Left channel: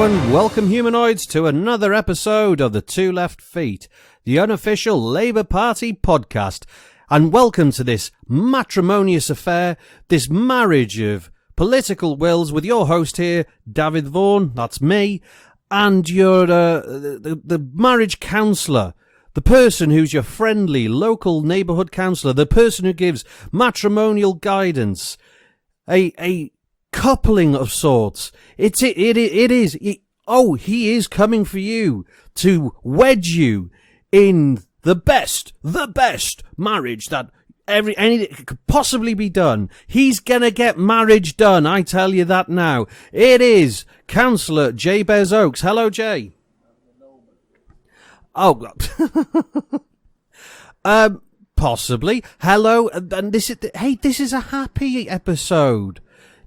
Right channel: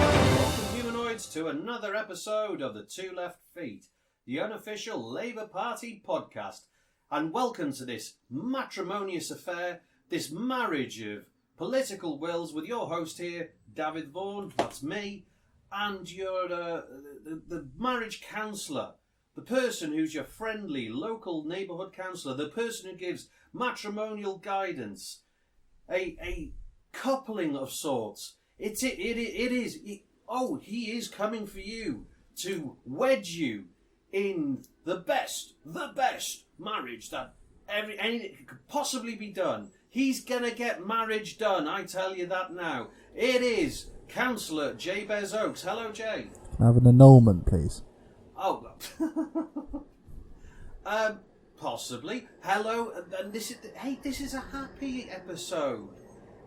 Hello and welcome humanoids to another episode of the Two Left Feet, the Unofficial Labour Party Podcast. And welcome to this matrimonious affair, this marriage of political wills with your host here, Dafydd Vaughan, that's me, and your the marriage counsellor, the person who's your friendly local neighbourhood counsellor, the person who gives matrimonial guidance, a coupling of sorts. He is coming for you to wedge you in the best marriage that anything could possibly be done. He's gonna get marriage done, I tell you that now. It is Cllr Jabez Oakes. Hello, Jay. Have an annulment, please. Oh, possibly. Hello, and this is a happy episode.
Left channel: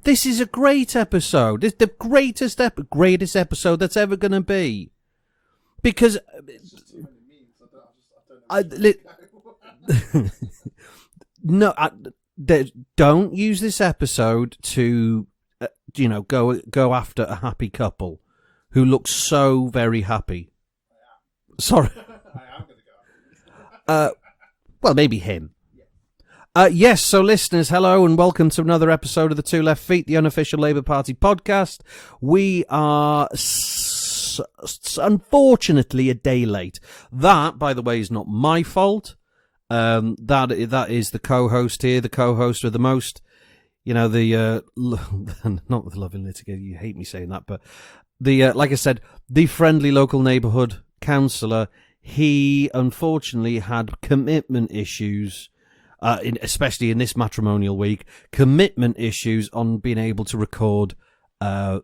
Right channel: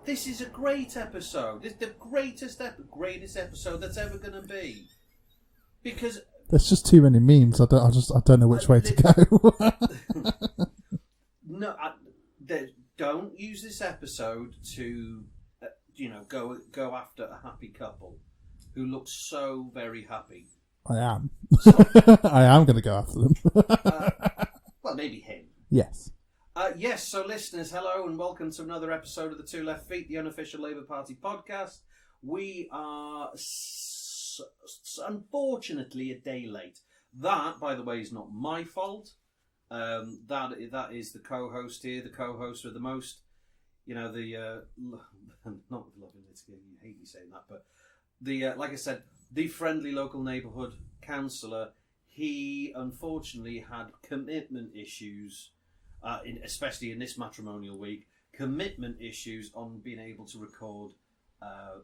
This is a great episode. It's the greatest episode that's ever going to be. Because there's just too many memes. I don't know which way to go. No, don't use this episode to, go after a happy couple who looks so very happy. I am. Sorry, I am going to go after them. Well, maybe him. Yes. Yes, so listeners, hello and welcome to another episode of the Two Left Feet, the Unofficial Labour Party Podcast. We are unfortunately a day late. That, by the way, is not my fault. That is the co-host here, the co-host with the most, not the loving litigation, you hate me saying that, but like I said, the friendly local neighbourhood counsellor. He unfortunately had commitment issues. Especially in this matrimonial week, commitment issues on being able to record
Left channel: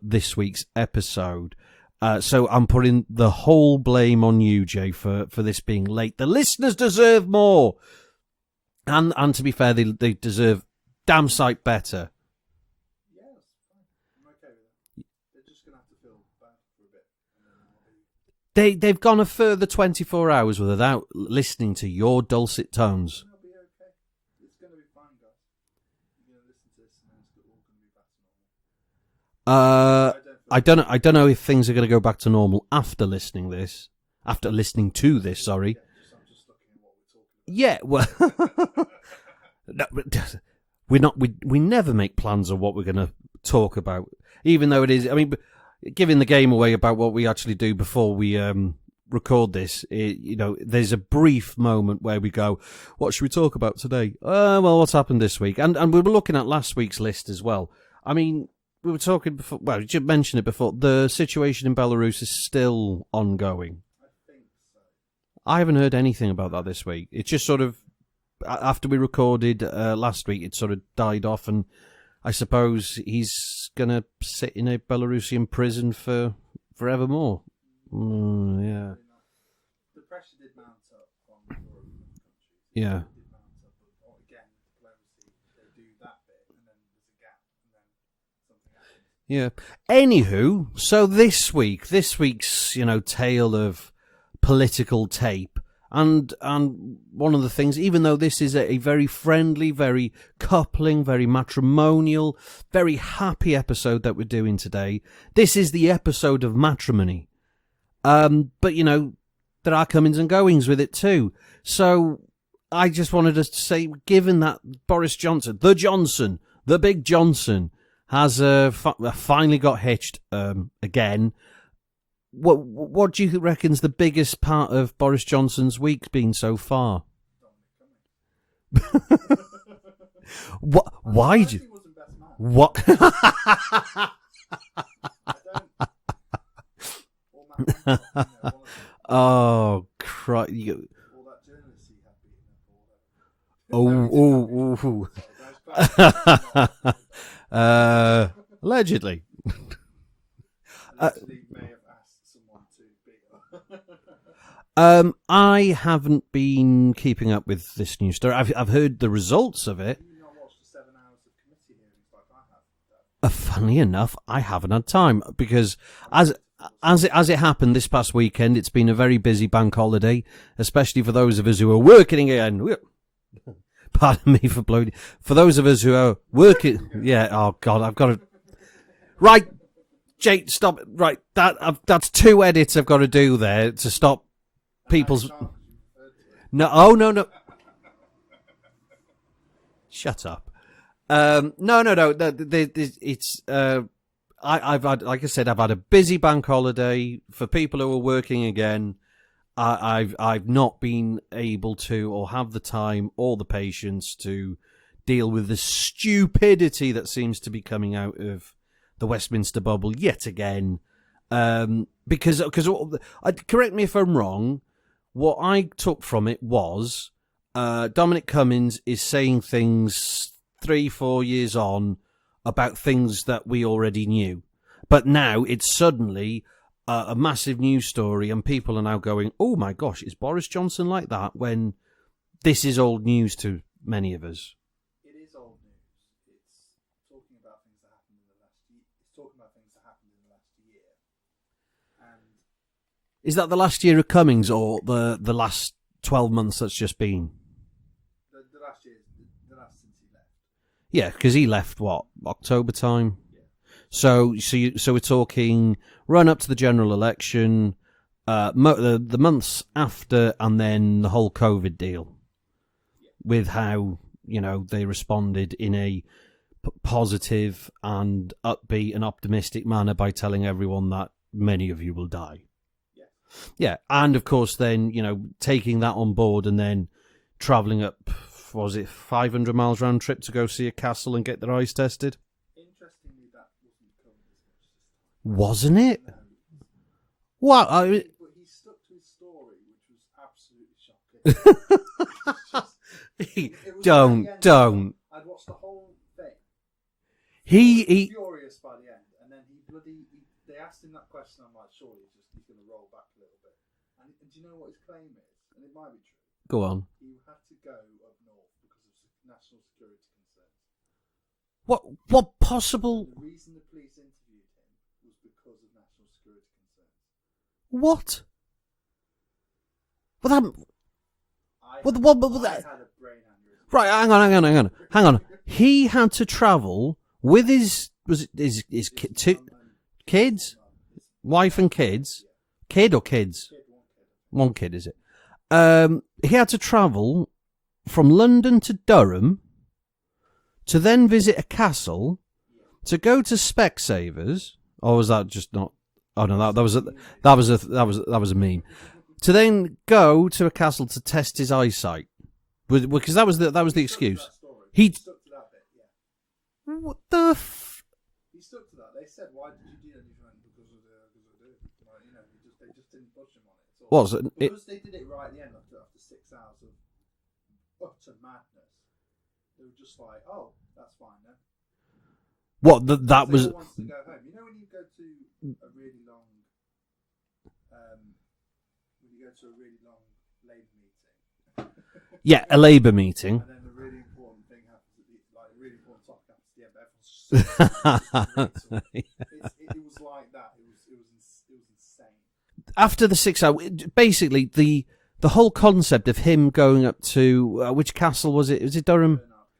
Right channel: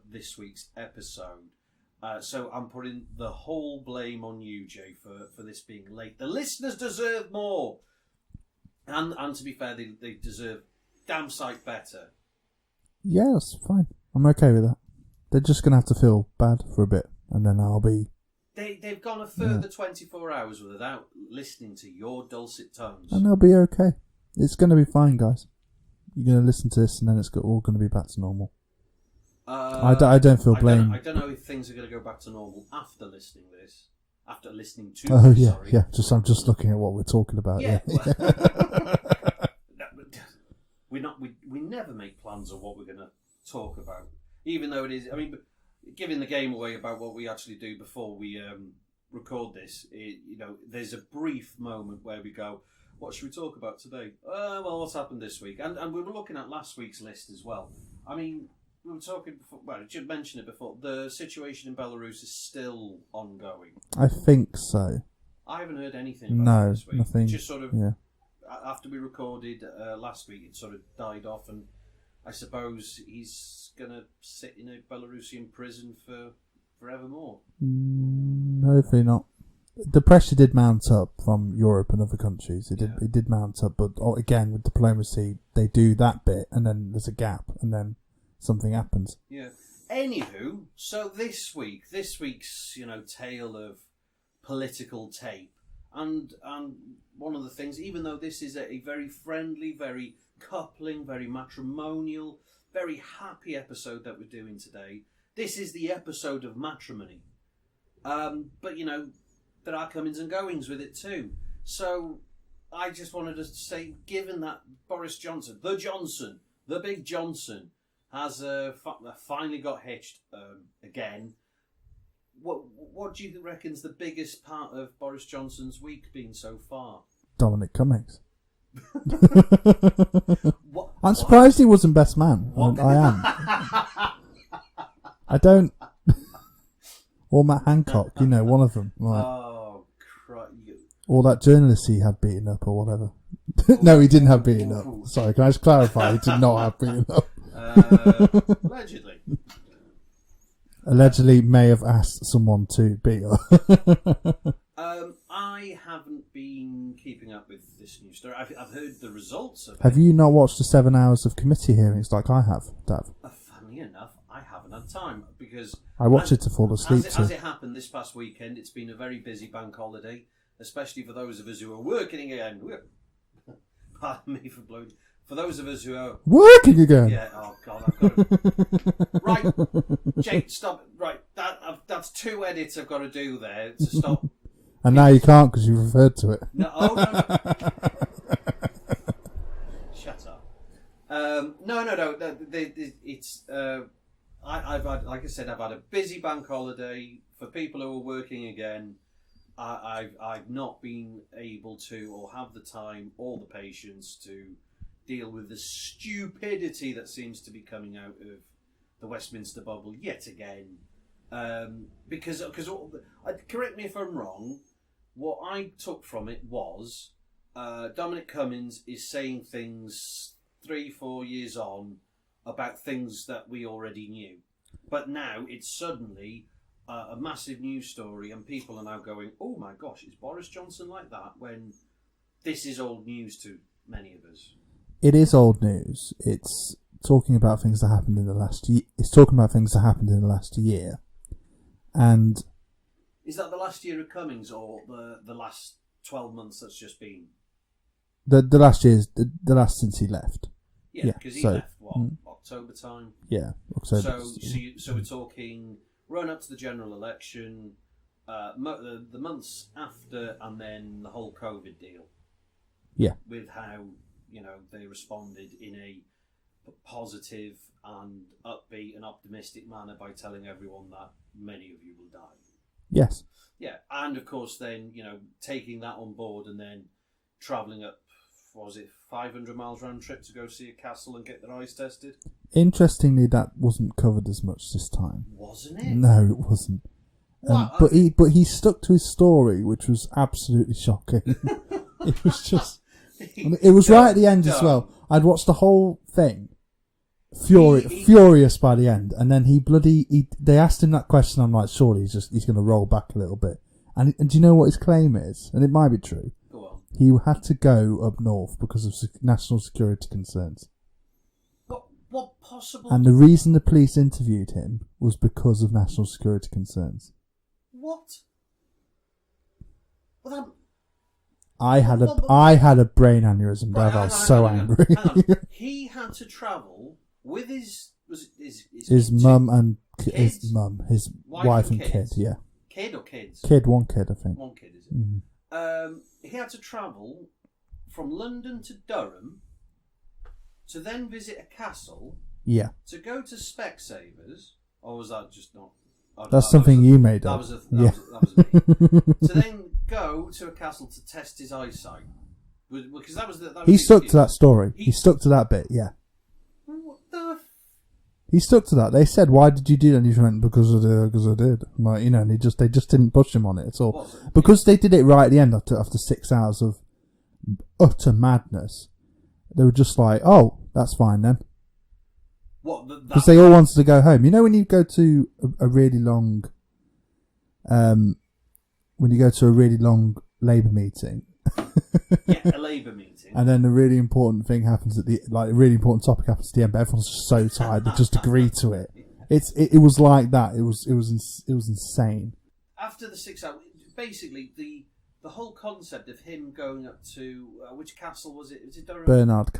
this week's episode. So I'm putting the whole blame on you, Jay, for this being late. The listeners deserve more. And to be fair, they deserve damn sight better. Yeah, that's fine. I'm okay with that. They're just going to have to feel bad for a bit, and then I'll be... They've gone a further 24 hours without listening to your dulcet tones. And they'll be okay. It's going to be fine, guys. You're going to listen to this, and then it's all going to be back to normal. I don't feel. I don't know if things are going to go back to normal after listening to this. Sorry. Yeah. I'm just looking at what we're talking about. Yeah. Well, no, we never make plans of what we're going to talk about, even though it is. I mean, giving the game away about what we actually do before we record this, there's a brief moment where we go, what should we talk about today? Well, what's happened this week? And we were looking at last week's list as well. I mean, we were talking before, well, you mentioned it before, the situation in Belarus is still ongoing. I think so. I haven't heard anything about that this week. Nothing. It just sort of, after we recorded last week, it sort of died off, and I suppose he's going to sit in a Belarusian prison for forevermore. Hopefully not. The pressure did mount up from Europe and other countries. It did mount up, but again, with diplomacy, they do that bit, and then there's a gap, and then something happens. Yeah. Anywho, so this week's tale of political tape, and one of the things, even though this is a very friendly, very coupling, very matrimonial, very happy episode that we're doing today, this is the episode of matrimony. But there are comings and goings with it too. So I just wanted to say, given that Boris Johnson, the big Johnson, has finally got hitched again, what do you reckon's the biggest part of Boris Johnson's week been so far? Dominic Cummings. What? I'm surprised he wasn't best man. What? I am. I don't... Or Matt Hancock, one of them. Like, oh, Christ. Or that journalist he had beaten up or whatever. No, he didn't have beaten up. Sorry, can I just clarify? He did not have beaten up. Allegedly. Allegedly may have asked someone to beat her. I haven't been keeping up with this news story. I've heard the results of it. Have you not watched the 7 hours of committee hearings like I have, Dav? Funnily enough, I haven't had time because I watched it to fall asleep. As it happened this past weekend, it's been a very busy bank holiday, especially for those of us who are working again. Pardon me for blowing. For those of us who are working again. Yeah. Oh God, I've got to. Right, Jake, stop. Right, that's 2 edits I've got to do there to stop. And now you can't because you referred to it. No. Oh no. Shut up. No. It's. I've had, like I said, I've had a busy bank holiday. For people who are working again, I've not been able to or have the time or the patience to deal with the stupidity that seems to be coming out of the Westminster bubble yet again. Because correct me if I'm wrong, what I took from it was Dominic Cummings is saying things 3-4 years on about things that we already knew. But now it's suddenly a massive news story and people are now going, oh my gosh, is Boris Johnson like that? When this is old news to many of us. It is old news. It's talking about things that happened in the last year. It's talking about things that happened in the last year. And is that the last year of Cummings or the last 12 months that's just been? The last year's the last since he left. Yeah, because he left, what, October time? Yeah. October. So we're talking run up to the general election, the months after, and then the whole COVID deal. Yeah. With how, they responded in a positive and upbeat and optimistic manner by telling everyone that many of you will die. Yes. Yeah, and of course then, taking that on board and then travelling up, was it 500 miles round trip to go see a castle and get their eyes tested? Interestingly, that wasn't covered as much this time. Wasn't it? No, it wasn't. What? But he stuck to his story, which was absolutely shocking. It was just... It was right at the end as well. I'd watched the whole thing. Furious by the end. And then they asked him that question. I'm like, surely he's going to roll back a little bit. And do you know what his claim is? And it might be true. Go on. He had to go up north because of national security concerns. What possible... And the reason the police interviewed him was because of national security concerns. What? Well, that... I had a brain aneurysm. Right, hang on. He had to travel with his mum and kids, his wife and kids. Yeah, kid or kids? One kid, I think. One kid, is it? Mm-hmm. He had to travel from London to Durham to then visit a castle. Yeah. To go to Specsavers, or was that just not? Oh no, that was you made. That was a me. To then go to a castle to test his eyesight, because that was the excuse. He stuck to that story. He stuck to that bit. Yeah. What the? He stuck to that. They said, "Why did you do that?" And he went, "Because I did." Like, and they just didn't push him on it at all. Because they did it right at the end after 6 hours of utter madness. They were just like, "Oh, that's fine then." What that? They all wanted to go home. You know when you go to a really long, Labour meeting. Yeah, a Labour meeting, and then a really important thing happens a really important topic happens at the end, but everyone's just so tired they just agree to it. Yeah. It was like that. It was insane. After the 6 hour, basically the whole concept of him going up to which castle was it? Was it Durham?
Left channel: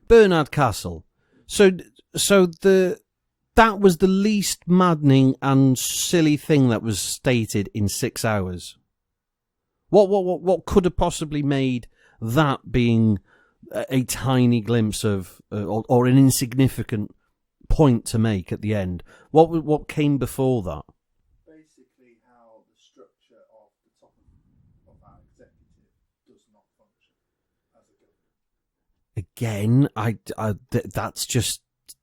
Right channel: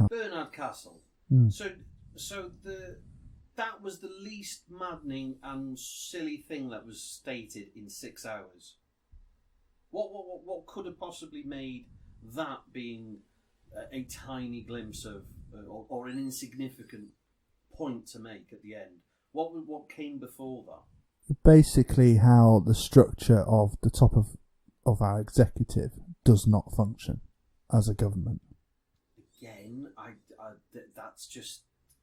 Bernard Castle. Mm. So that was the least maddening and silly thing that was stated in 6 hours. What could have possibly made that being a tiny glimpse of or an insignificant point to make at the end? What came before that? Basically, how the structure of the top of our executive does not function as a government. Again, that's just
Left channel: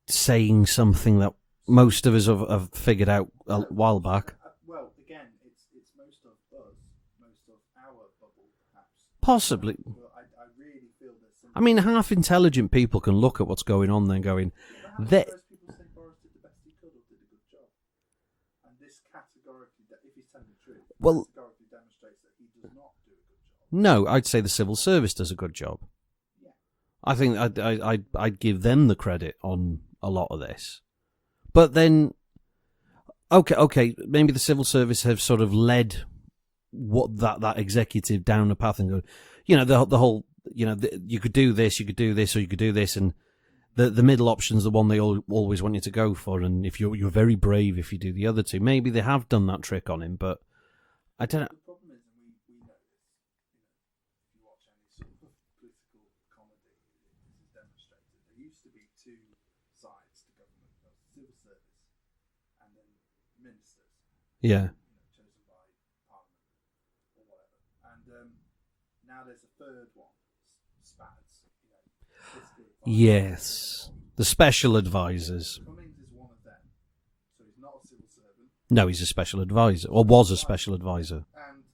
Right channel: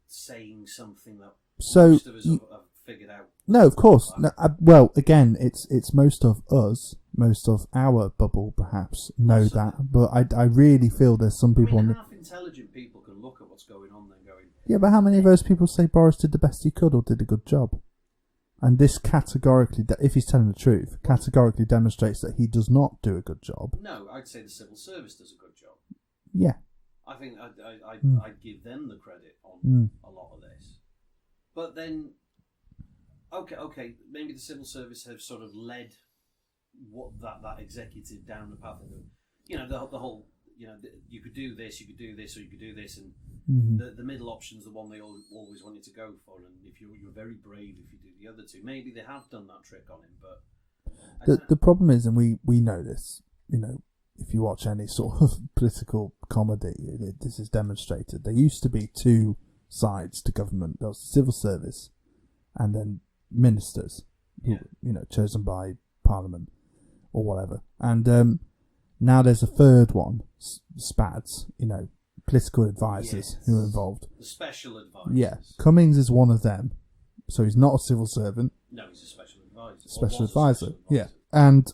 saying something that most of us have figured out. No, of course. No, well, again, it's most of us, most of our bubble, perhaps. Possibly, but I really feel there's some people. Half intelligent people can look at what's going on then going. Yeah, but how many of those people say Boris did the best he could or did a good job? And this categorically, if he's telling the truth, categorically demonstrates that he does not do a good job. No, I'd say the civil service does a good job. Yeah. I think I'd give them the credit on a lot of this. But then, okay, maybe the civil service have sort of led what that executive down the path and go, the whole you could do this, or you could do this, and the middle option's the one they always want you to go for. And if you're very brave if you do the other two, maybe they have done that trick on him. But the problem is, and we know this, if you watch any sort of political comedy, this is demonstrated. There used to be two sides to government. There was the civil service, and then ministers. Yeah, chosen by Parliament or whatever. And now there's a third one, SPADs. Political advisors who are involved. The special advisors. Yeah. Cummings is one of them. So he's not a civil servant. No, he's a special advisor, or was a special advisor. Yeah. And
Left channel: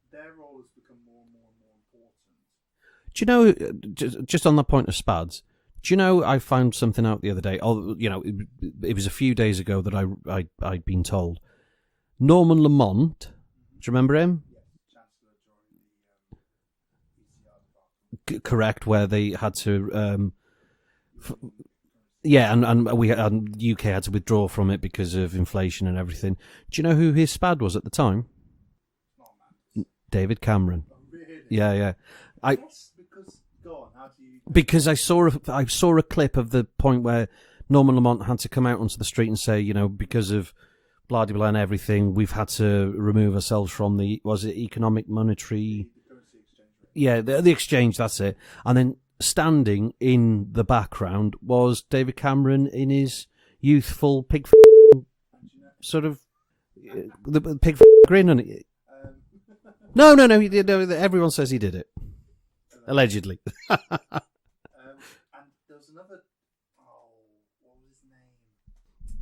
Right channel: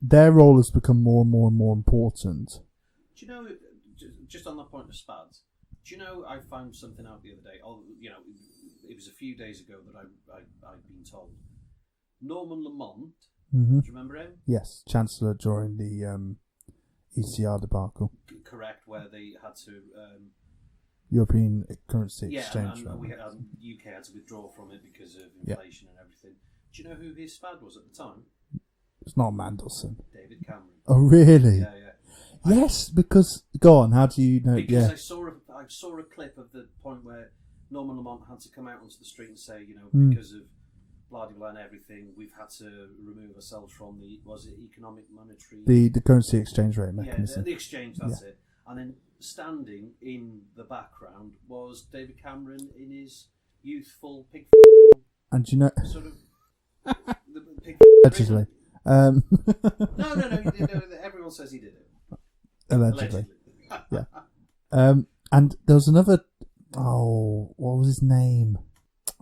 their role has become more and more and more important. Do you know, just on the point of SPADs, do you know I found something out the other day? It was a few days ago that I'd been told. Norman Lamont, do you remember him? Yes, Chancellor during the ECR debacle. Correct, where they had to... European currency. Yeah, and the UK had to withdraw from it because of inflation and everything. Do you know who his SPAD was at the time? It's not Mandelson. David Cameron. Oh, really? Yeah. Yes, because... Go on, how do you know? Because I saw a clip of the point where Norman Lamont had to come out onto the street and say, because of blah, blah, blah and everything, we've had to remove ourselves from the... Was it economic monetary... The currency exchange rate. Yeah, the exchange, that's it. And then standing in the background was David Cameron in his youthful pig... And you know... Sort of... the pig grin on it. No, he did. Everyone says he did it. Allegedly. Yeah. And there was another... Oh, what was his name?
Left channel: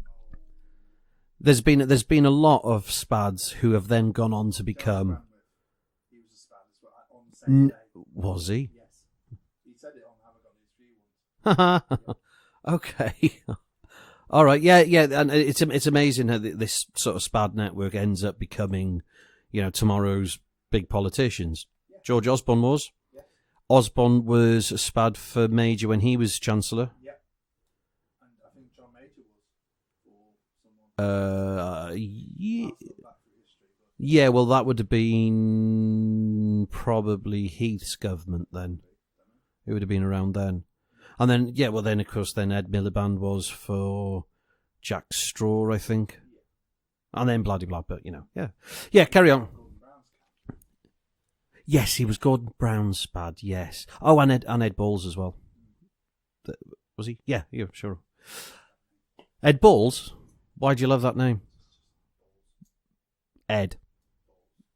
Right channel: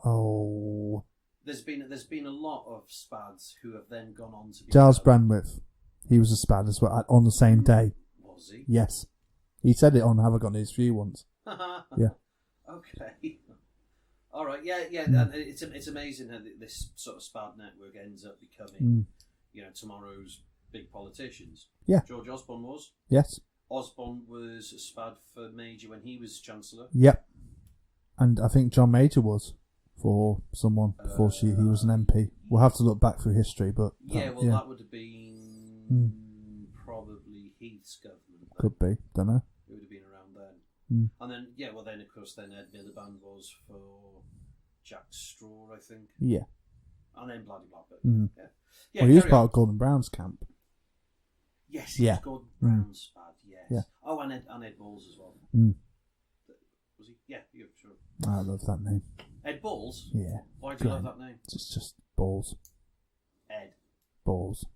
Oh... There's been a lot of SPADs who have then gone on to become... Giles Brandwidth. He was a SPAD as well, on the same day. Was he? Yes. He said it on Have I Got News For You once. Yeah. Okay. All right. Yeah. And it's amazing how this sort of SPAD network ends up becoming, tomorrow's big politicians. Yeah. George Osborne was. Yes. Osborne was a SPAD for Major when he was Chancellor. Yep. And I think John Major was for someone before he was an MP. We'll have to look back through history, but... Yeah, that would have been probably Heath's government then. Could be, don't know. It would have been around then. And then, of course, Ed Miliband was for Jack Straw, I think. Yeah. And then blah, blah, but, yeah. Well, carry on. Gordon Brown's camp. Yes, he was Gordon Brown's SPAD, yes. Yeah. Oh, and Ed Balls as well. Was he? Yeah, sure. I love that name. Ed Balls? Yeah. Why do you love that name? It's just Balls. Ed. Balls.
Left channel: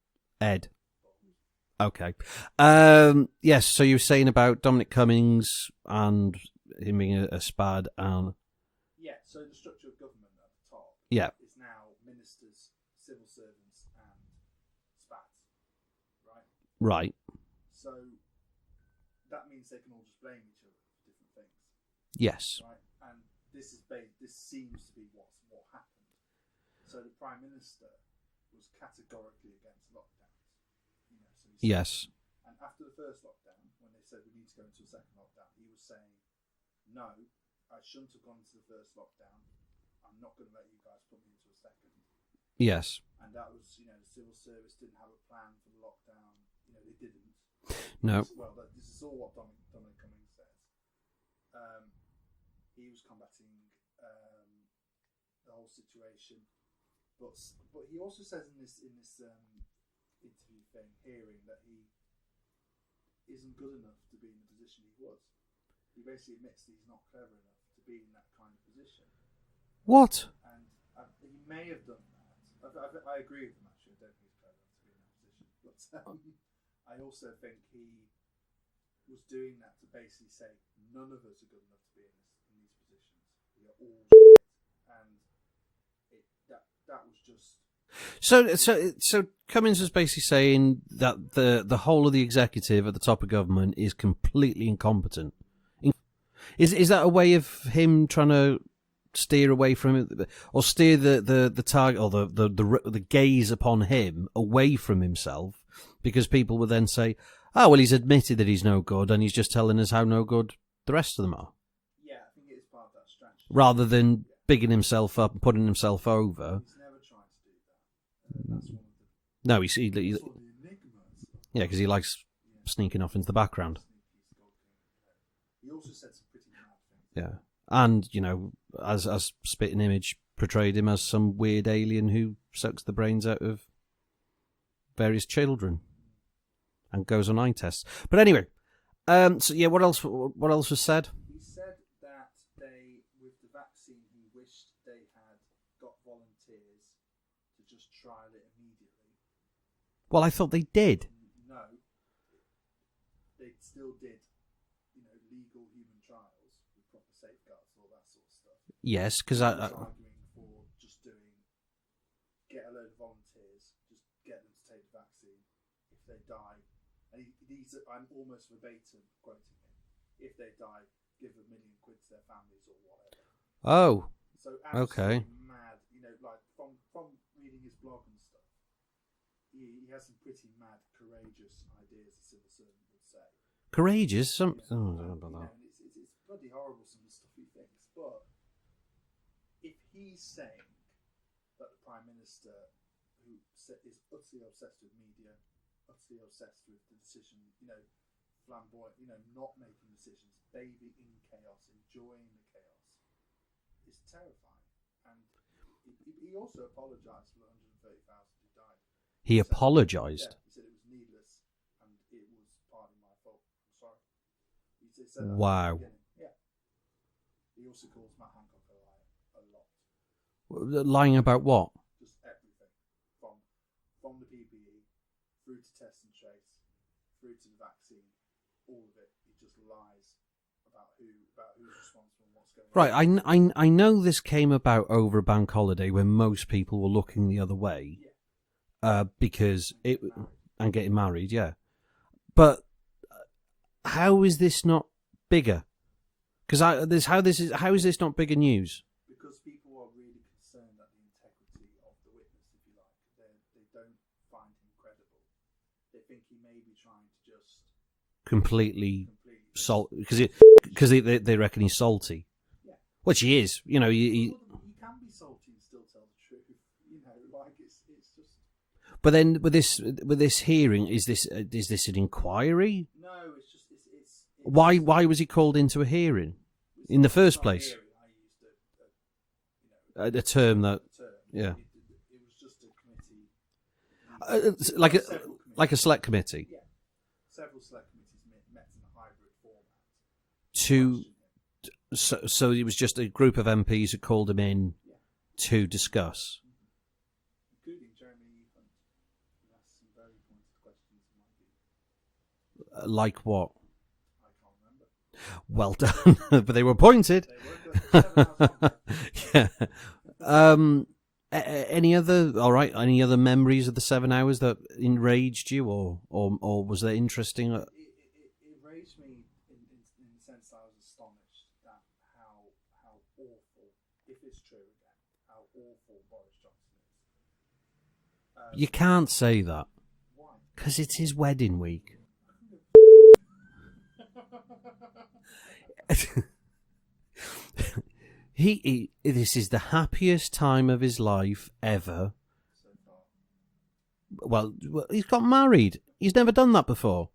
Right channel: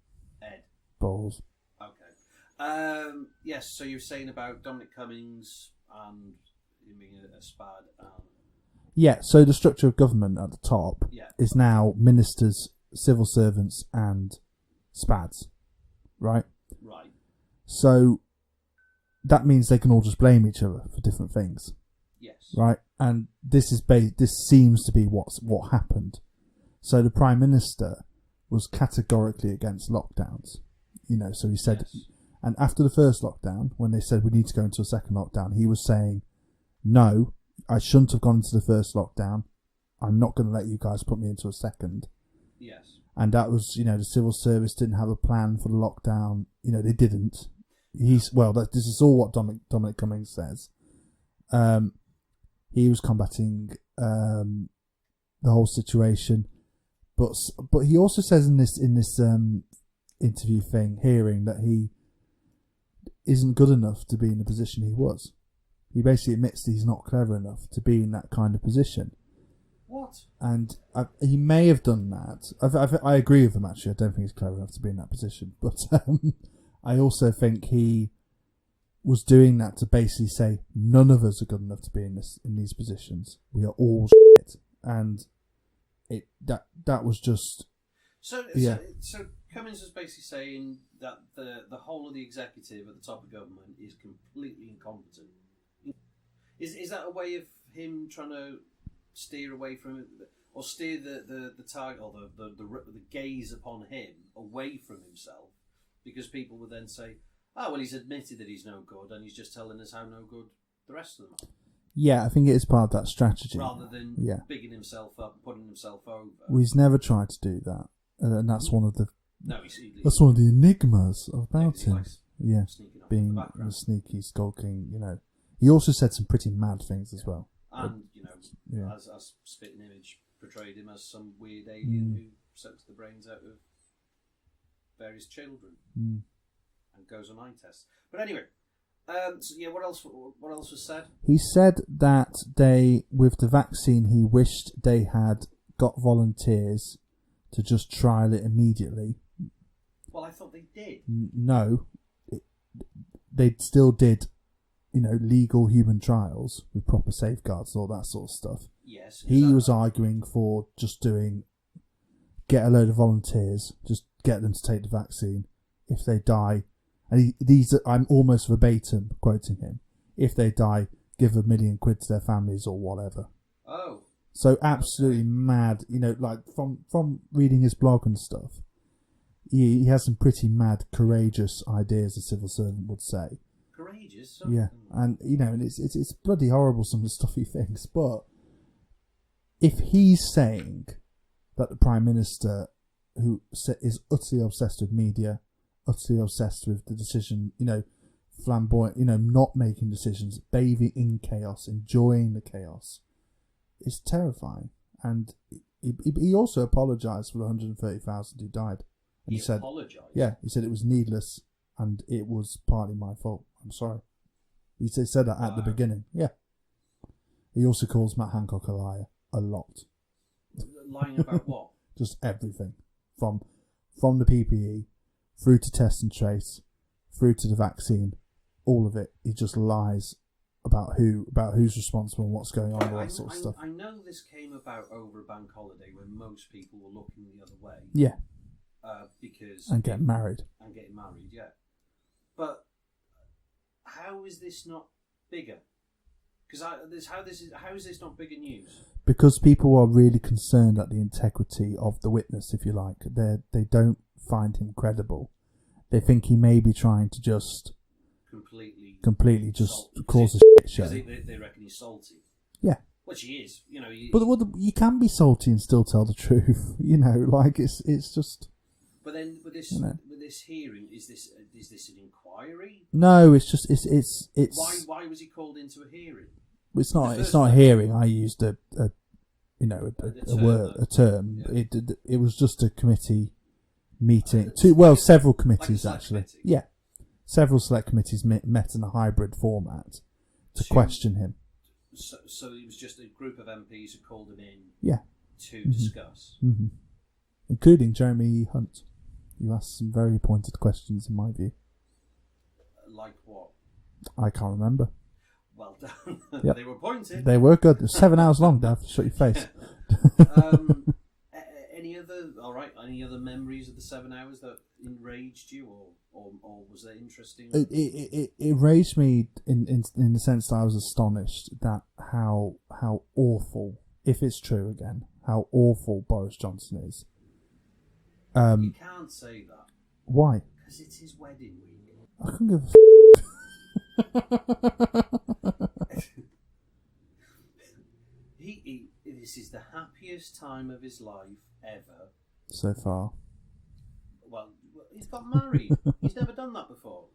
Ed. Balls. Okay. Yes, so you were saying about Dominic Cummings and him being a SPAD and... Yeah, so the structure of government at the top is now ministers, civil servants and SPADs, right? Right. So that means they can all just blame each other for different things. Yes. Right, and this seems to be what happened. So the Prime Minister was categorically against lockdowns. So he said... Yes. And after the first lockdown, when they said we need to go into a second lockdown, he was saying, no, I shouldn't have gone into the first lockdown. I'm not going to let you guys put me into a second. Yes. And that was, the civil service didn't have a plan for the lockdown. They didn't. This is all what Dominic Cummings says. He was combating the whole situation, but he also says in this interview hearing that he isn't good enough to be in the position he was. He basically admits that he's not clever enough to be in that kind of position. What? And he may have done that. I agree with him, actually. I don't think he's clever enough to be in that position. But I also think he was doing that to basically say none of us are good enough to be in these positions. We are all shit. And that was just... So Cummings was basically saying that the whole of the executive at the top of government is completely incompetent. Is that a way of him trying to steer away from it, or steer the target or the gaze upon him away from himself? Because people would then say, "Oh, well, he's admitted that he's no good, and he's just telling us how no good the rest of them are." Yeah, I think it is part of that strategy. Rather than bigging himself up and putting himself over. Well, he's never tried to do that, and that's one of the... No, that's one of the enigmas of because he likes sneaking off into the background. Sneaky, skulking, He also said some pretty mad things as well. And, as Spitting Image portrayed him as some weird alien who sucks the brains out of various children and goes on eye tests. But anyway, what else was said? He said that with the vaccine, he wished they had got volunteers to just trial it immediately. Well, I thought they did. No. They still did, legal human trials with proper safeguards and all that sort of stuff. Yes, because he was arguing for just get a load of volunteers, just get them to take the vaccine. If they die, and I'm almost verbatim quoting him. If they die, give £1 million to their families or whatever. Oh, so absolutely mad. Like from reading his blog and stuff, he has some pretty mad, courageous ideas. A civil servant would say. Courageous, and it's bloody horrible some of the stuff he thinks. But if he's saying that the Prime Minister, who is utterly obsessed with media, utterly obsessed with the decision, flamboyant, not making decisions, bathing in chaos, enjoying the chaos, is terrifying. And he also apologised for the 130,000 who died. He apologised? Yeah, he said it was needless and it was partly my fault. I'm sorry. He said that at the beginning. Yeah. He also calls Matt Hancock a liar a lot. Lying about what? Just everything. From the PPE, through to test and trace, through to the vaccine, all of it. He just lies about who's responsible and what's going on. Right, I know this came about over a bank holiday when most people were looking the other way. Yeah. Because and getting married, yeah. But how is this not bigger? Because how is this not bigger news? Because people are really concerned at the integrity of the witness, if you like. They don't find him credible. They think he may be trying to just completely just because they reckon he's salty. Yeah, which he is. But you can be salty and still tell the truth. It's just. But then with this hearing, is this an inquiry? No, it's just it's. Why was he called into a hearing? The first place? It's not a hearing. I used a term. A term. Yeah. It was just a committee meeting. Several committees. Like a select committee. Yeah. Several select committees met in a hybrid format to question him. So it was just a group of MPs who called him in. Yeah. To discuss, including Jeremy Hunt. You asked some very pointed questions, in my view. Like what? I can't remember. Well done, but they were pointed. They were good. It was 7 hours long. I have to shut your face. Any other memories of the 7 hours that enraged you, or was that interesting? It enraged me in the sense that I was astonished that how awful, if it's true again, how awful Boris Johnson is. You can't say that. Why? Because it's his wedding week. I couldn't give a This is the happiest time of his life ever. So far. Well, he's got married. He's never done that before.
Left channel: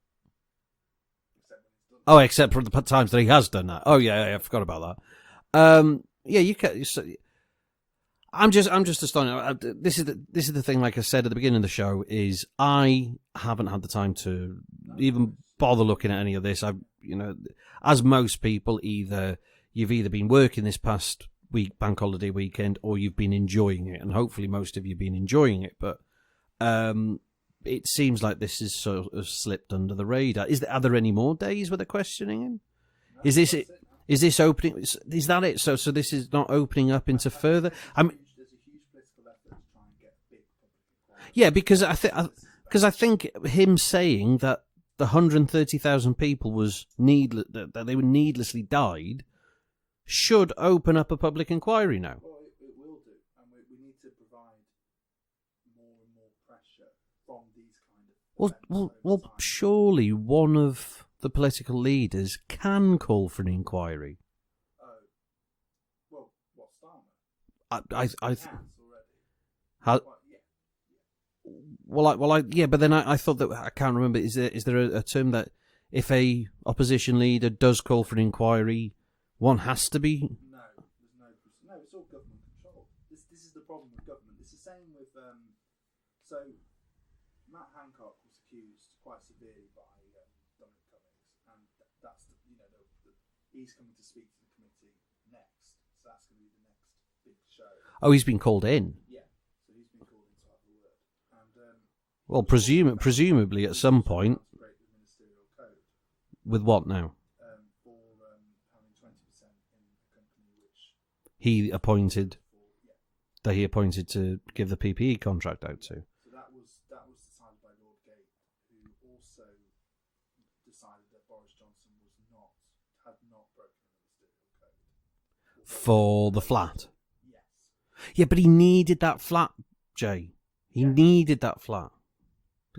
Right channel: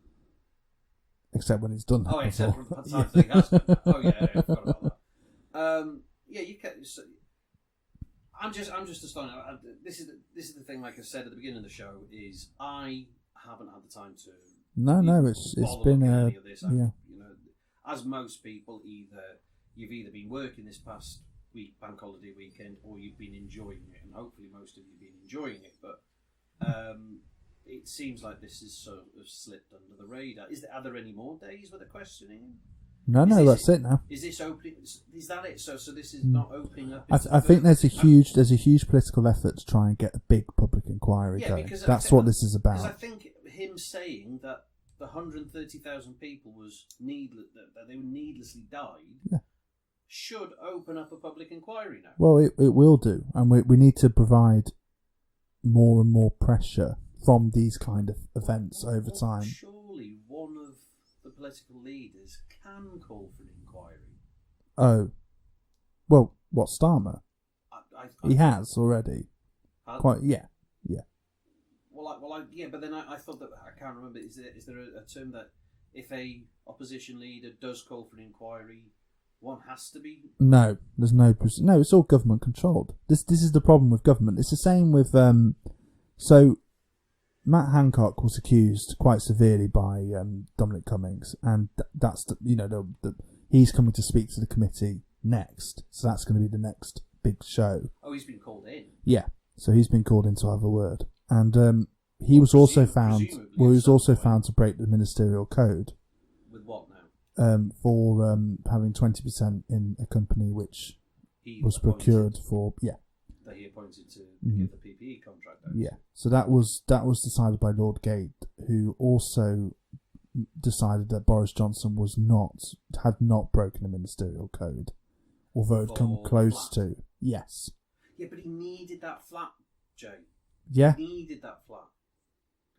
Except when he's done that. Oh, except for the times that he has done that. Oh, yeah, I forgot about that. You can. I'm just astonished. This is the thing. Like I said at the beginning of the show, is I haven't had the time to bother looking at any of this. As most people, you've either been working this past week, bank holiday weekend, or you've been enjoying it, and hopefully most of you've been enjoying it. But it seems like this is sort of slipped under the radar. Are there any more days where they're questioning him? No, that's it now. Is this opening? Is that it? So this is not opening up into I further. I think there's a huge political effort to try and get a big public inquiry. Yeah, because that's what this is about. Because I think him saying that the 130,000 people that they were needlessly died should open up a public inquiry now. Well, it will do, and we need to provide more and more pressure from these kind of events over time. Surely one of the political leaders can call for an inquiry. Oh. Well, what, Starmer? He has already. Yeah. Yeah, but then I thought that I can't remember. Is there a term that if a opposition leader does call for an inquiry, one has to be? No, there's no. It's all government controlled. This is the problem with government. It's the same with So, Matt Hancock was accused quite severely by Dominic Cummings, and that's he's coming to speak to the committee next. So that's going to be the next big show. Oh, he's been called in. Yeah, so he's been called in to have a word, and he well, was also found, presumably well, at some also point found to break the ministerial code. With what now? For having 20% in a company which he was appointed for that he appointed to give the PPE contract out to. So that was decided by Lord Gate, who also decided that Boris Johnson had not broken the ministerial code, although for it come the close flat. to. Yes. Yeah, but he needed that flat, Jay. Yeah. He needed that flat.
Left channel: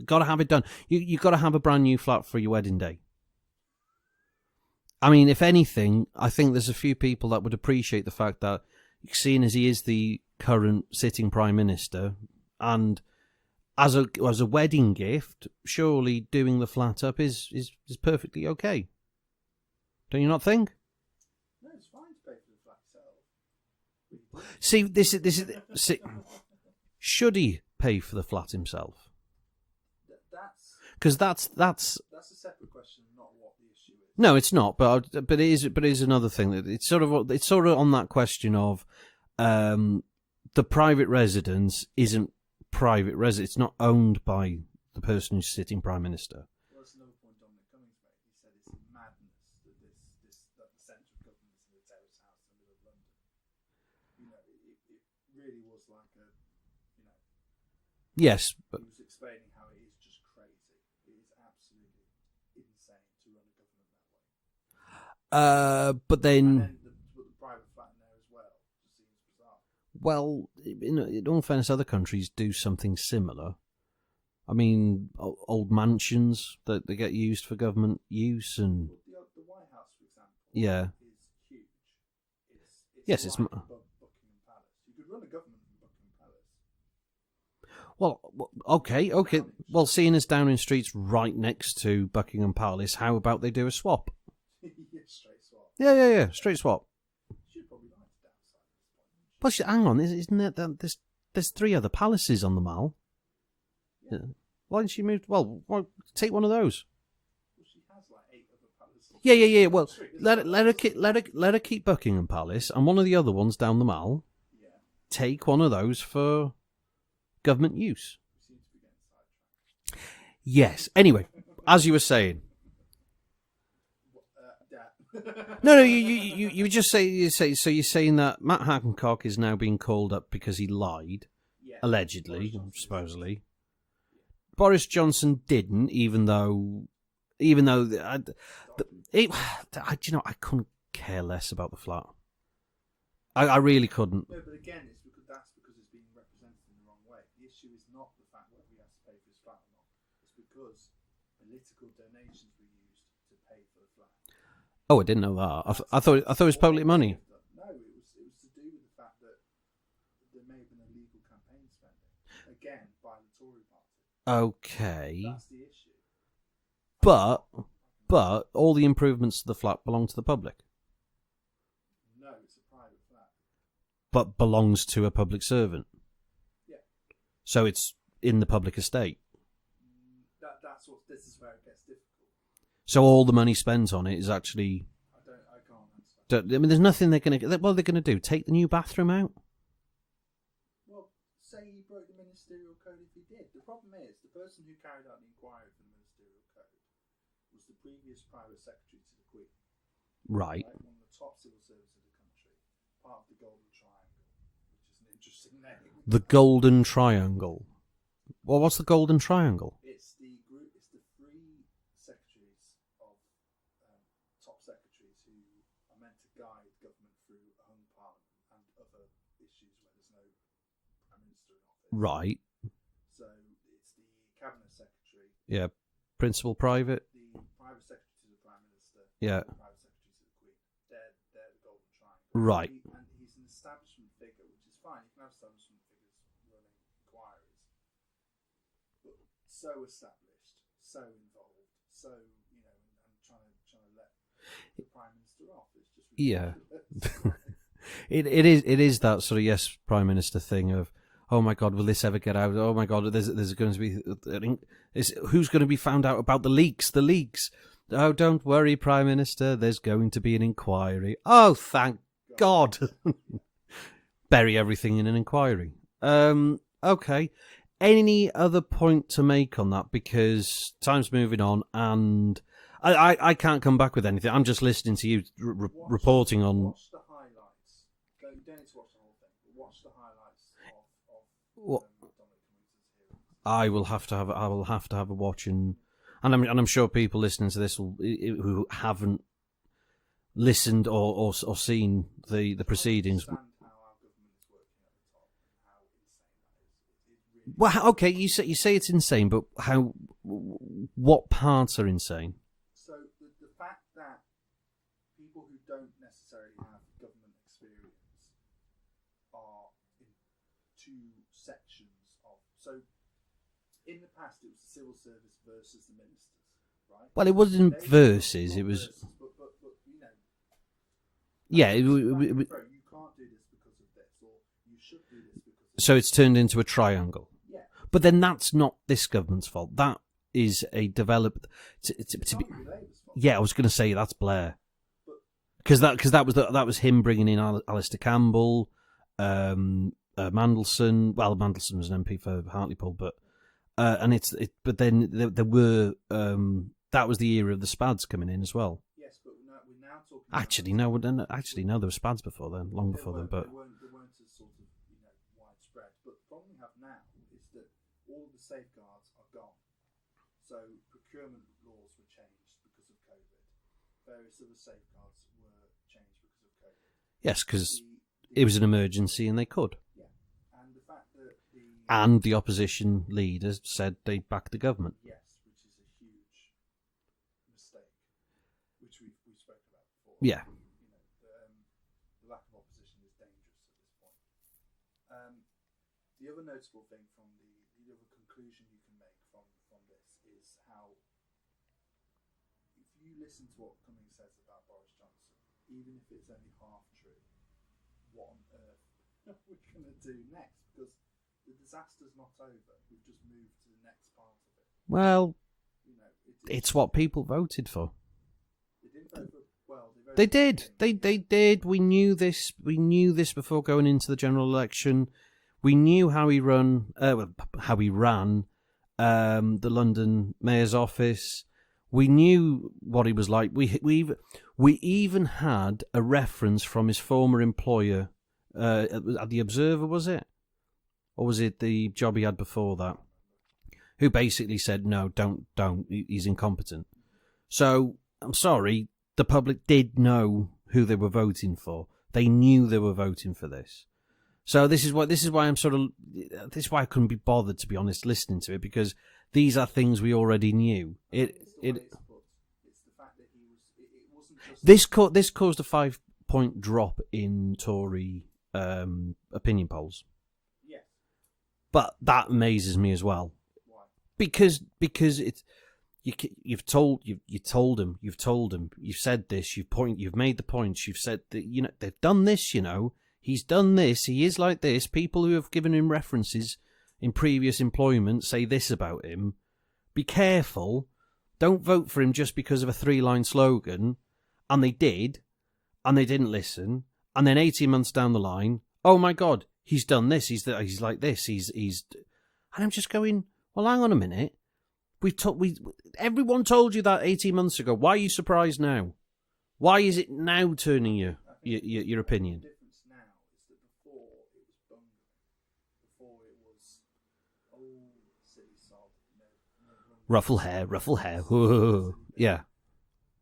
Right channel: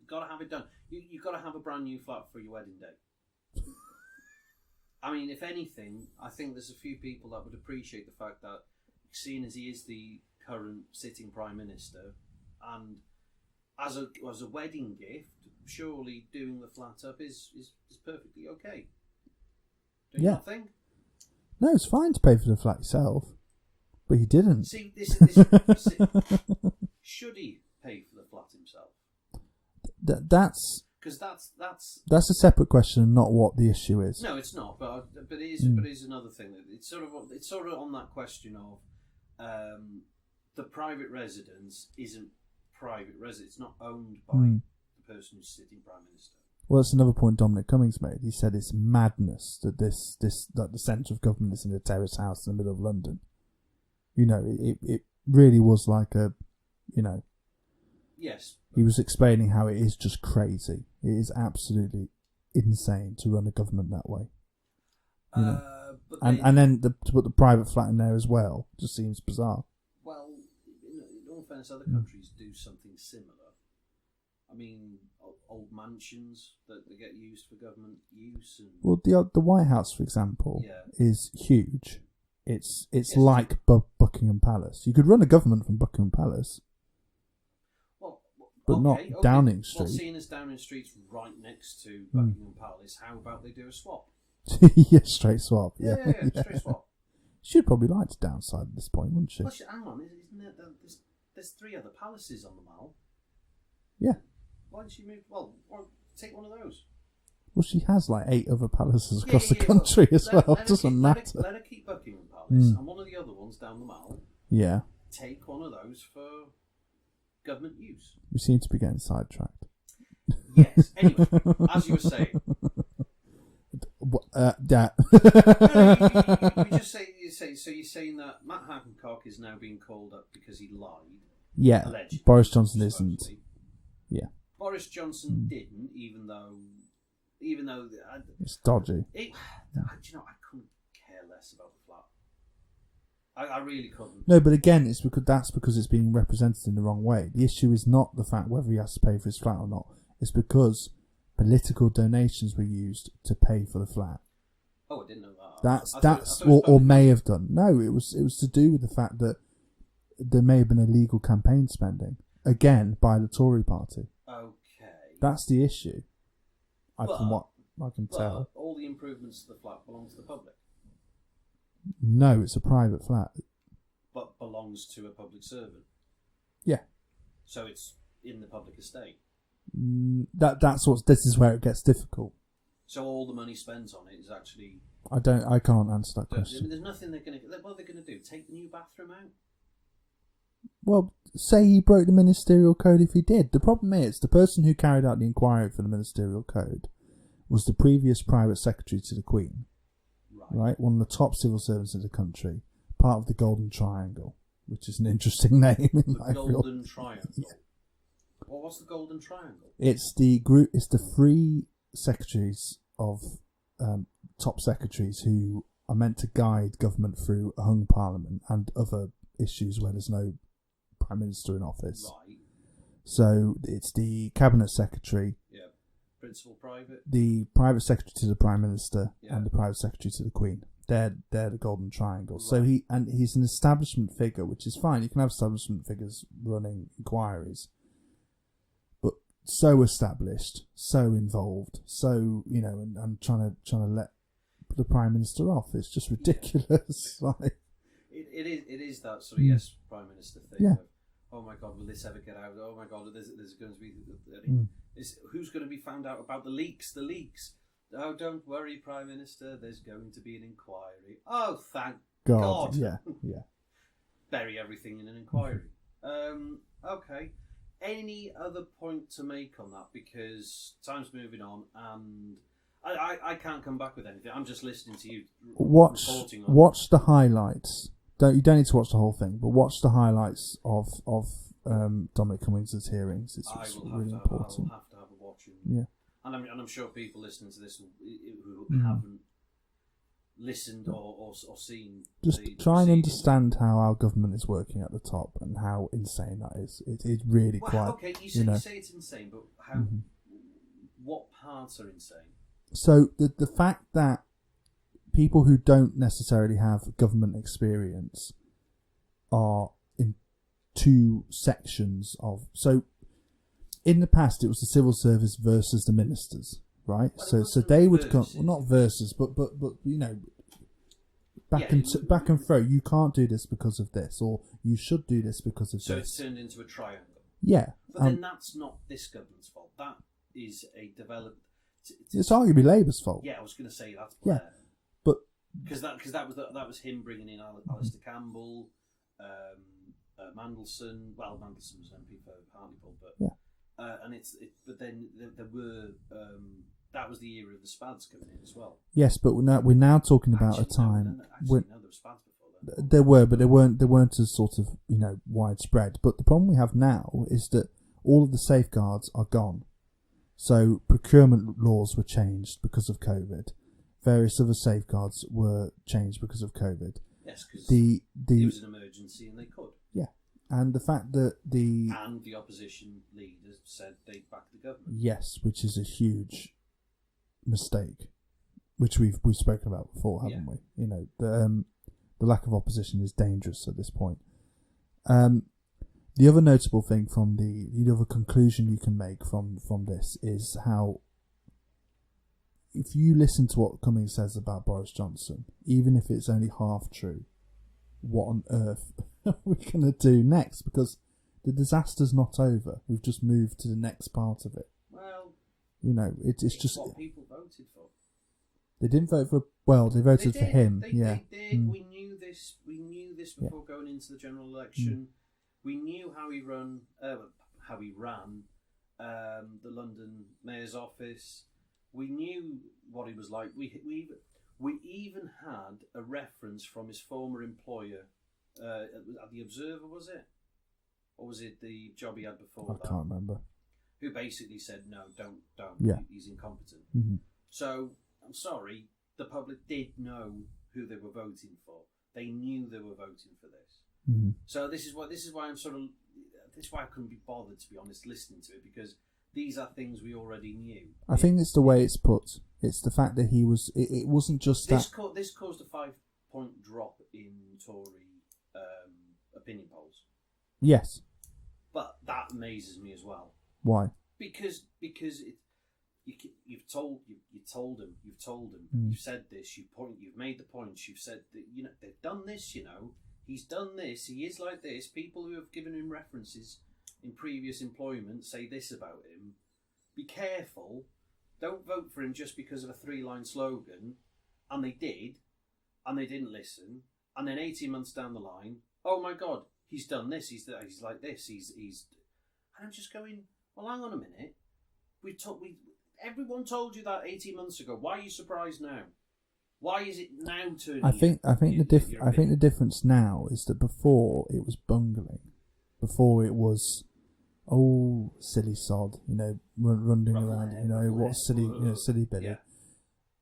Got to have it done. You got to have a brand new flat for your wedding day. I mean, if anything, I think there's a few people that would appreciate the fact that, seeing as he is the current sitting Prime Minister, and as a wedding gift, surely doing the flat up is perfectly okay. Don't you not think? No, it's fine to pay for the flat yourself, but he didn't. See, should he pay for the flat himself? That's because that's a separate question, and not what the issue is. No, it's not. But it is. But it is another thing that it's sort of on that question of the private residence isn't private residence. It's not owned by the person who's sitting Prime Minister. Well, that's another point Dominic Cummings made. He said it's madness that that the centre of government is in a terrace house in the middle of London. It really was like a, Yes. He was explaining how it is just crazy. It is absolutely insane to run a government that way. But then... And then to put the private flat in there as well just seems bizarre. Well, in all fairness, other countries do something similar. I mean, old mansions that they get used for government use, and well, the White House, for example, is huge. It's like Buckingham Palace. You could run a government from Buckingham Palace. Well, okay. Downing Street. Well, seeing as Downing Street's right next to Buckingham Palace, how about they do a swap? Yeah, straight swap. Yeah, straight swap. She'd probably like to downside at this point, wouldn't she? Well, hang on, isn't it that there's 3 other palaces on the Mall? Yeah. Why didn't she move? Well, take one of those. Well, she has like 8 other palaces across the country as well. Let her keep Buckingham Palace, and one of the other ones down the Mall. Yeah. Take one of those for government use. We seem to be getting sidetracked. Yes. Anyway, as you were saying. No, you just say. So you're saying that Matt Hancock is now being called up because he lied. Yeah. Allegedly. Boris Johnson supposedly. isn't. Yeah. Boris Johnson didn't, even though it's dodgy. I couldn't care less about the flat. I really couldn't. No, but again, it's because it's being represented in the wrong way. The issue is not the fact whether he has to pay for his flat or not. It's because political donations were used to pay for the flat. Oh, I didn't know that. I thought it was public money. May have done. No, it was to do with the fact that there may have been illegal campaign spending, again, by the Tory party. Okay. That's the issue. But all the improvements to the flat belong to the public. No, it's a private flat. But belongs to a public servant. Yeah. So it's in the public estate. This is where it gets difficult. So all the money spent on it is actually... I can't answer that question. I mean, there's nothing they're going to... What are they going to do? Take the new bathroom out? Well, say he broke the ministerial code if he did. The problem is, the person who carried out the inquiry for the ministerial code was the previous private secretary to the Queen. Right. One of the top civil servants of the country. Part of the Golden Triangle, which is an interesting name. The Golden Triangle? Well, what's the Golden Triangle? It's the group. It's the 3 secretaries of top secretaries who are meant to guide government through a hung parliament and other issues where there's no prime minister in office. Right. So it's the cabinet secretary. Yeah. Principal private. The private secretary to the prime minister. Yeah. And the private secretary to the Queen. They're the Golden Triangle. Right. So he's an establishment figure, which is fine. You can have establishment figures running inquiries. But so established, so involved, so and trying to let the Prime Minister off. It's just ridiculous, right? It is that sort of yes, Prime Minister thing of, oh my God, will this ever get out? Oh my God, there's going to be who's going to be found out about the leaks? The leaks. Oh, don't worry, Prime Minister. There's going to be an inquiry. Oh, thank God. Yeah. Bury everything in an inquiry. Okay. Any other point to make on that? Because time's moving on, and I can't come back with anything. I'm just listening to you reporting on. Watch the highlights. You don't need to watch the whole thing, but watch the highlights of Dominic Cummings' hearings. I will have to have a watch, and I'm sure people listening to this who haven't listened or seen the proceedings. Try and understand how our government is working at the top and how insane that is. It is really. Well, okay, you say it's insane, but how? What parts are insane? So the fact that people who don't necessarily have government experience are in two sections of. So in the past, it was the civil service versus the ministers. Right. Well, it wasn't versus. Not it was versus, but back and forth. You can't do this because of this, or you should do this because of this. So it's turned into a triangle. Yeah, but then that's not this government's fault. That is a developed. It's arguably Labour's fault. Yeah, I was going to say that's Blair, but because that was him bringing in Alistair Campbell, Mandelson. Well, Mandelson was an MP for Hartlepool, but. Yeah. But then there were that was the era of the SPADs coming in as well. Yes, but we're now talking about there were SPADs before then. There were, but they weren't as sort of widespread. But the problem we have now is that all of the safeguards are gone. So procurement laws were changed because of COVID. Various other safeguards were changed because of COVID. Yes, because it was an emergency and they could. Yeah. And the fact that the opposition leaders said they'd back the government. Yes, which is a huge mistake, which we've spoken about before, haven't we? The lack of opposition is dangerous at this point. The other notable thing from the other conclusion you can make from this is how, if you listen to what Cummings says about Boris Johnson, even if it's only half true, what on earth are we going to do next? Because the disaster's not over. We've just moved to the next part of it. Well, it's just what people voted for. They didn't vote for. Well, they voted for him. They did. We knew this. We knew this before going into the general election. We knew how he ran the London Mayor's office. We knew what he was like. We even had a reference from his former employer at the Observer, was it? Or was it the job he had before that? I can't remember. Who basically said, no, don't. Yeah. He's incompetent. Mm-hmm. So, I'm sorry, the public did know who they were voting for. They knew they were voting for this. Mm-hmm. So this is why I couldn't be bothered, to be honest, listening to it, because these are things we already knew. I think it's the way it's put. It's the fact that he was. It wasn't just this. This caused a 5-point drop in Tory opinion polls. Yes, but that amazes me as well. Why? Because it's you've told him. You've said this. You've made the points. You've said that they've done this. He's done this. He is like this. People who have given him references in previous employment say this about him. Be careful. Don't vote for him just because of a 3-line slogan. And they did. And they didn't listen. And then 18 months down the line, oh my God, he's done this. He's like this. He's. And I'm just going, well, hang on a minute. Everyone told you that 18 months ago. Why are you surprised now? Why is it now turning your opinion? I think the difference now is that before it was bungling. Before it was, silly sod, ruffle hair. Silly bit. Yeah.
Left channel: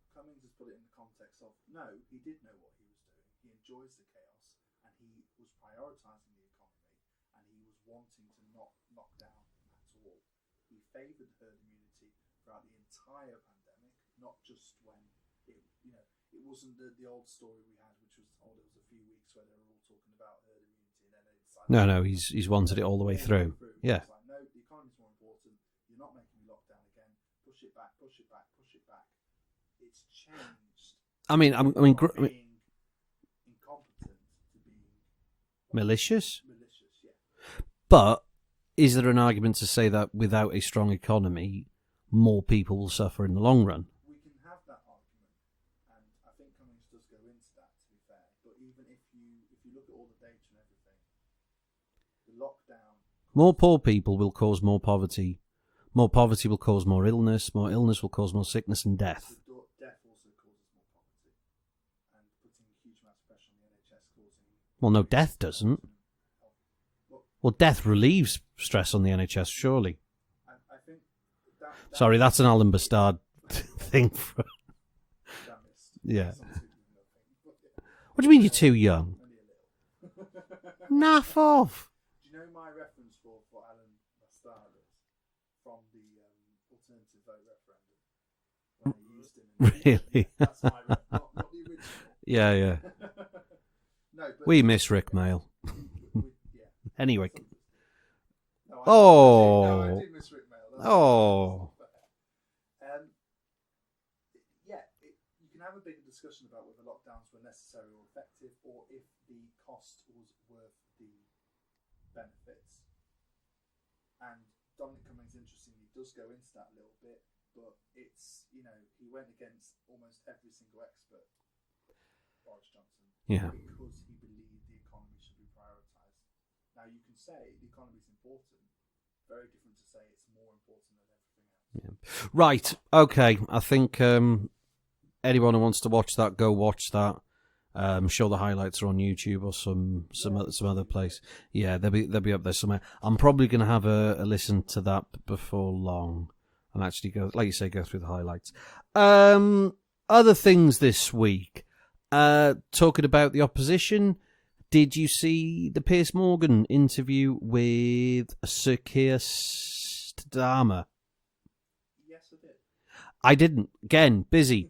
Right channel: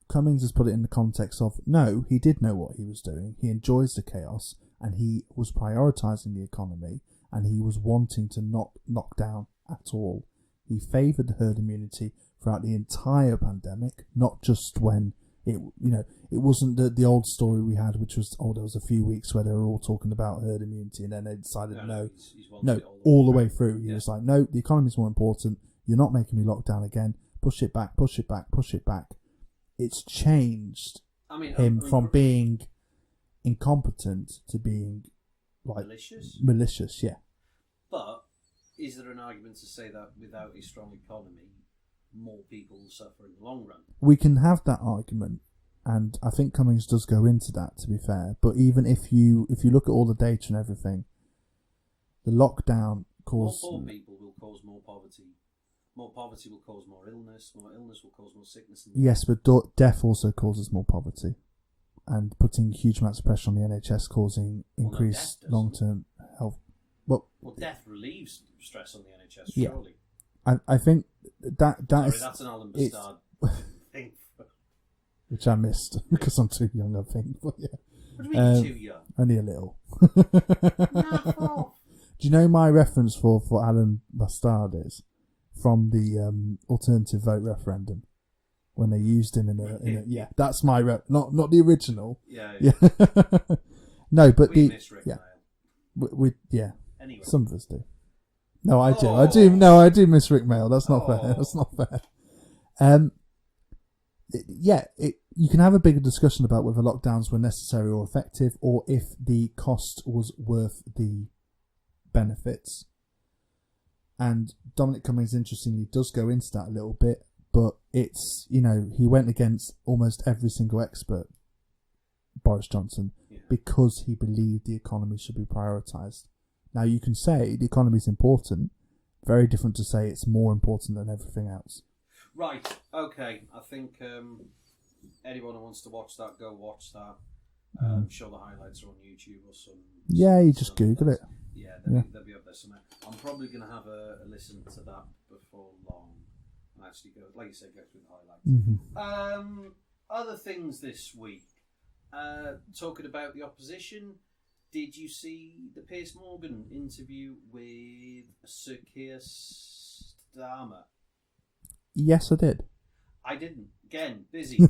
Cummings has put it in the context of, no, he did know what he was doing. He enjoys the chaos, and he was prioritising the economy, and he was wanting to not knock down at all. He favoured the herd immunity throughout the entire pandemic, not just when it wasn't the old story we had, which was, there was a few weeks where they were all talking about herd immunity, and then they decided... No, he's wanted it all the way through. Yeah. He was like, no, the economy's more important. you're not making me lock down again. Push it back, push it back, push it back. It's changed. From being incompetent to being malicious. Malicious, yeah. But is there an argument to say that without a strong economy, more people will suffer in the long run? We can have that argument, and I think Cummings does go into that, to be fair. But even if you look at all the data and everything, the lockdown more poor people will cause more poverty. More poverty will cause more illness. More illness will cause more sickness and death. Yes, but death also causes more poverty, and putting huge amounts of pressure on the NHS causing death doesn't. Long-term health. Well, death relieves stress on the NHS, surely. I think that. Sorry, that's an Alan Bastard thing, which I missed because I'm too young, I think. But yeah. What do you mean you're too young? Only a little. Naff off. Do you know my reference for Alan Bastard is from the alternative vote referendum when they used him in that's my not the original. Yeah. No, but we miss Rick Mail. We Anyway, some of us do. No, I do. No, I do miss Rick Mail. That's not fair. That's not fair. You can have a bigger discussion about whether lockdowns were necessary or effective, or if the cost was worth the benefits. And Dominic Cummings, interestingly, does go into that a little bit, but it's, he went against almost every single expert, Boris Johnson, because he believed the economy should be prioritised. Now, you can say the economy is important, very different to say it's more important than everything else. Yeah. Right, okay, I think anyone who wants to watch that, go watch that. I'm sure the highlights are on YouTube or some you just other Google place. it. Yeah, they'll be up there somewhere. I'm probably going to have a listen to that before long and actually go, like you say, go through the highlights. Mm-hmm. Other things this week. Talking about the opposition, did you see the Piers Morgan interview with Sir Kier Starmer? Yes, I did. I didn't. Again, busy.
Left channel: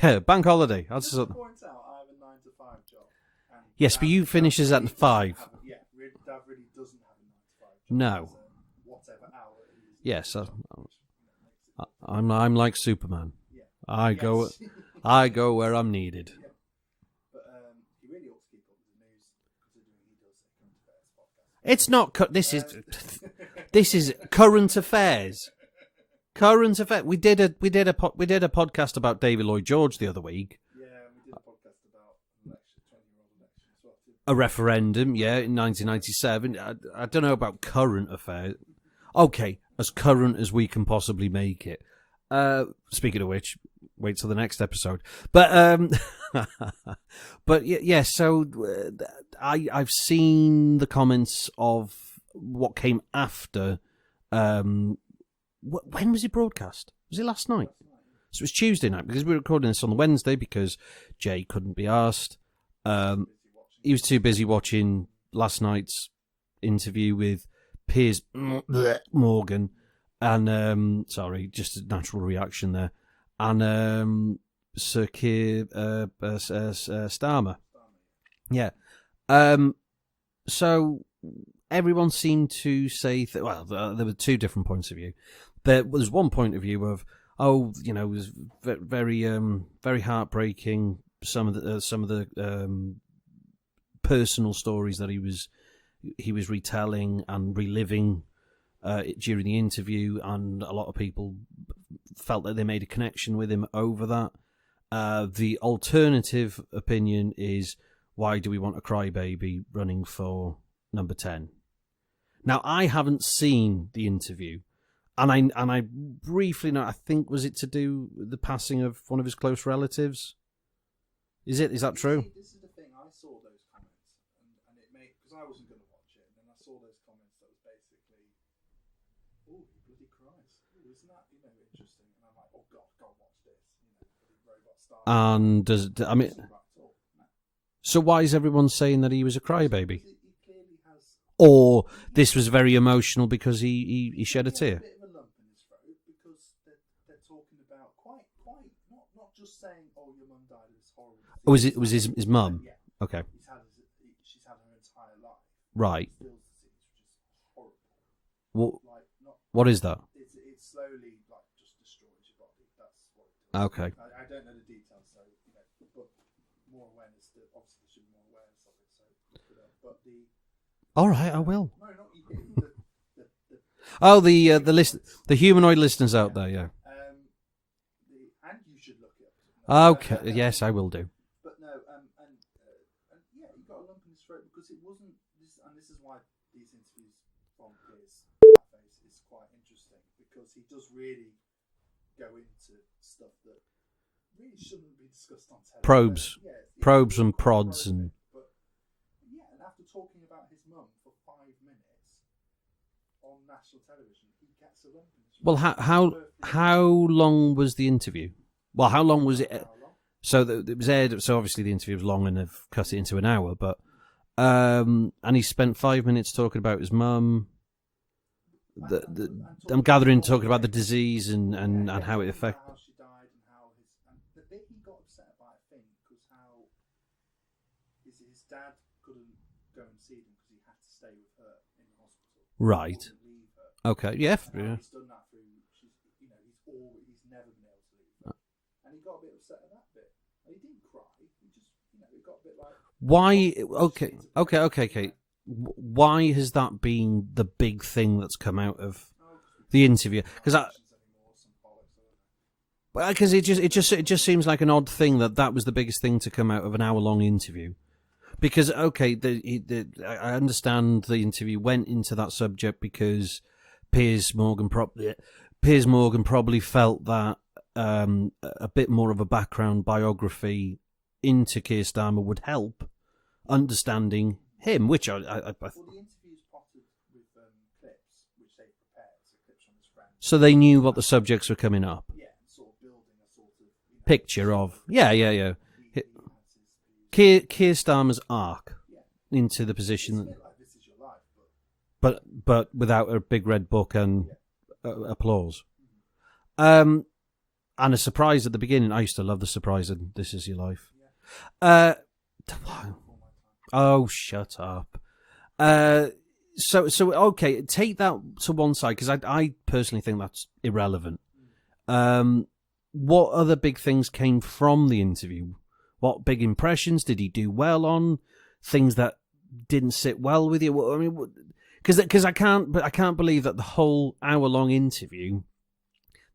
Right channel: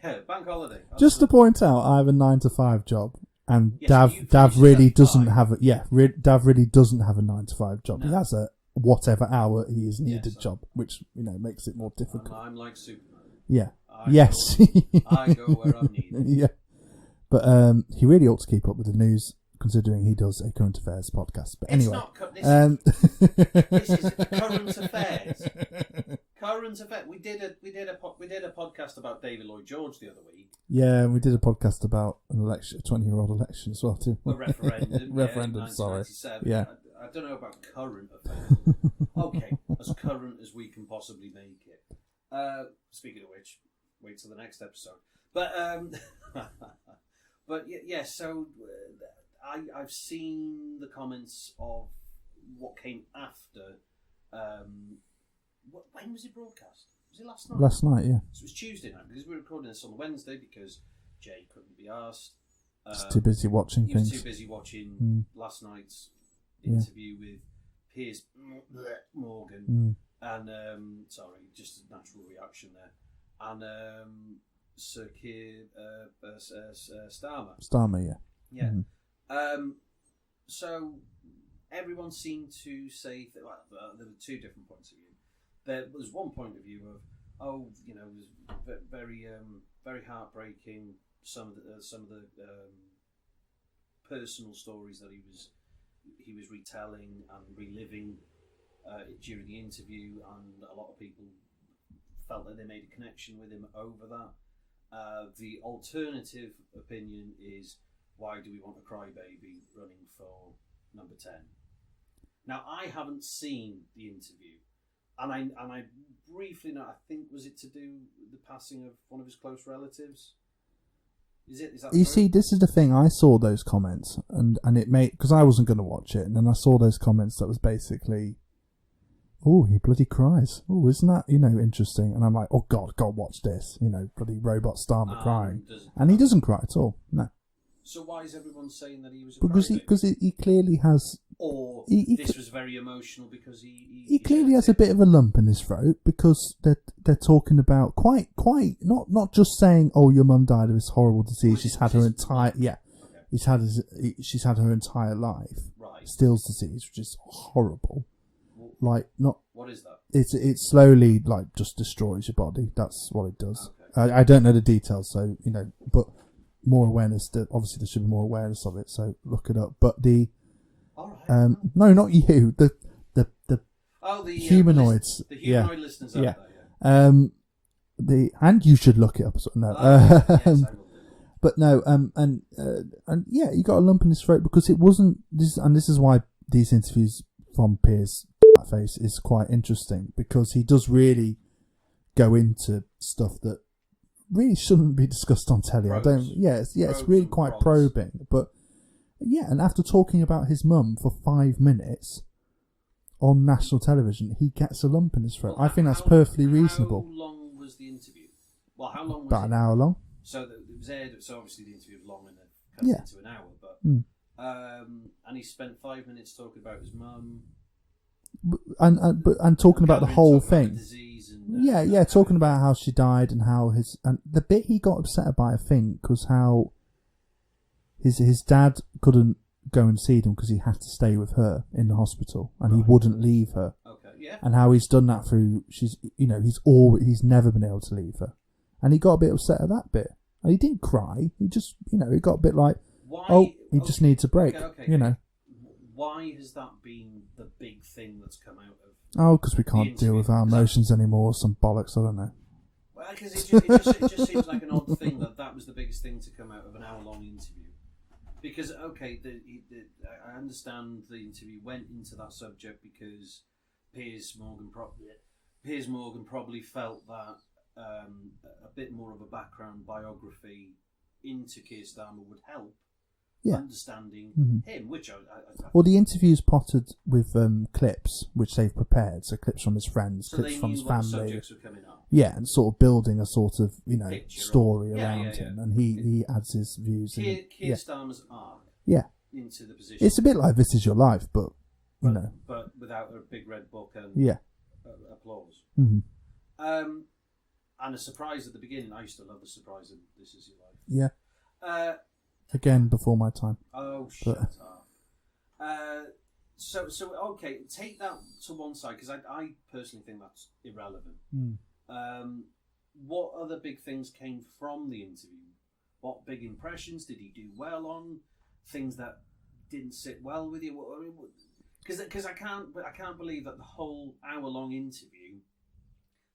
Bank holiday. Just to point out, I have a 9-to-5 job, and Dav really doesn't 5. have a Dav really doesn't have a 9-to-5 job. No. He has a whatever hour he is needed job, which makes it more difficult. I'm like Superman. Yeah. I go where I'm needed. Yeah. But he really ought to keep up with the news, considering he does a current affairs podcast. But it's anyway, not. This is current affairs. Current affairs. We did a podcast about David Lloyd George the other week. Yeah, and we did a podcast about an election, a 20-year-old election as well too. A referendum, in 1997. Yeah. I don't know about current affairs. Okay, as current as we can possibly make it. Speaking of which, wait till the next episode. But but yeah. So I've seen the comments of what came after. When was it broadcast? Was it last night? Last night, yeah. So it was Tuesday night, because we were recording this on the Wednesday because Jay couldn't be asked. He was too busy watching. He was too busy watching last night's interview with Piers Morgan. And sorry, just a natural reaction there. And Sir Kier Starmer. Starmer, yeah. Yeah. So everyone seemed to say there were two different points of view. There was one point of view of, it was very very heartbreaking. Some of the personal stories that he was retelling and reliving during the interview, and a lot of people felt that they made a connection with him over that. The alternative opinion is, why do we want a crybaby running for number 10? Now, I haven't seen the interview, and I briefly know, I think, was it to do with the passing of one of his close relatives? Is that true? You see, this is the thing. I saw those comments, and it made, because I wasn't going to watch it, and then I saw those comments that was basically, oh, he bloody cries. Oh, isn't that, interesting? And I'm like, oh, God, watch this. Bloody robot Starmer crying. And he doesn't cry at all, no. So why is everyone saying that he was a crybaby? Because he clearly has... Or this was very emotional because he shed a tear? He has a bit of a lump in his throat because they're talking about quite not just saying, oh, your mum died of this horrible disease. Oh, was his mum? Yeah. Okay. She's had her entire life. Right. Still's disease, which is horrible. like not. What is that? It slowly like just destroys your body. That's what it does. Okay. I don't know the details, so but more awareness. Obviously, there should be more awareness of it. So look it up. But all right, I will. No, not you. The the humanoid listeners out there. Yeah. And you should look it up. No. Okay. Yes, I will do. But no, and yeah, he got a lump in his throat because it wasn't this, and this is why these interviews from Piers face is quite interesting, because he does really go into stuff that really shouldn't be discussed on telly. Probes. It's probes really and quite prods. Probing. But yeah, and after talking about his mum for 5 minutes on national television, he gets a lump in his throat. Well, I think that's perfectly reasonable. How long was the interview? Well, how long was About it? An hour long. So it was aired. So obviously the interview was long, and they've cut it into an hour. But and he spent 5 minutes talking about his mum, and talking about the whole talking thing. about the disease and talking about how she died and how and the bit he got upset about, I think, was how his dad couldn't go and see them because he had to stay with her in the hospital. Right, he wouldn't leave her. Okay, yeah, and how he's done that through he's never been able to leave her, and he got a bit upset at that bit. And he didn't cry. He just he got a bit like, why? He just needs a break. Okay. Why has that been the big thing that's come out of? Oh, because we can't deal with our emotions anymore. Some bollocks, I don't know. Because it just seems like an odd thing that was the biggest thing to come out of an hour-long interview. Because I understand the interview went into that subject because Piers Morgan probably felt that a bit more of a background biography into Kier Starmer would help understanding him, which I well, the interview's potted with clips which they've prepared, so clips from his friends, so they knew what the subjects were coming up. Yeah, and sort of building a sort of picture story. Yeah. And he adds his views. Kier Starmer's arc. Yeah. Into the position. It's a bit like This Is Your Life, but without a big red book and applause. Mm-hmm. And a surprise at the beginning. I used to love the surprise in This Is Your Life. Yeah. Again, before my time. Oh, shut up. So okay, take that to one side, because I personally think that's irrelevant. What other big things came from the interview? What big impressions did he do well on? Things that didn't sit well with you? I mean, because I can't believe that the whole hour-long interview,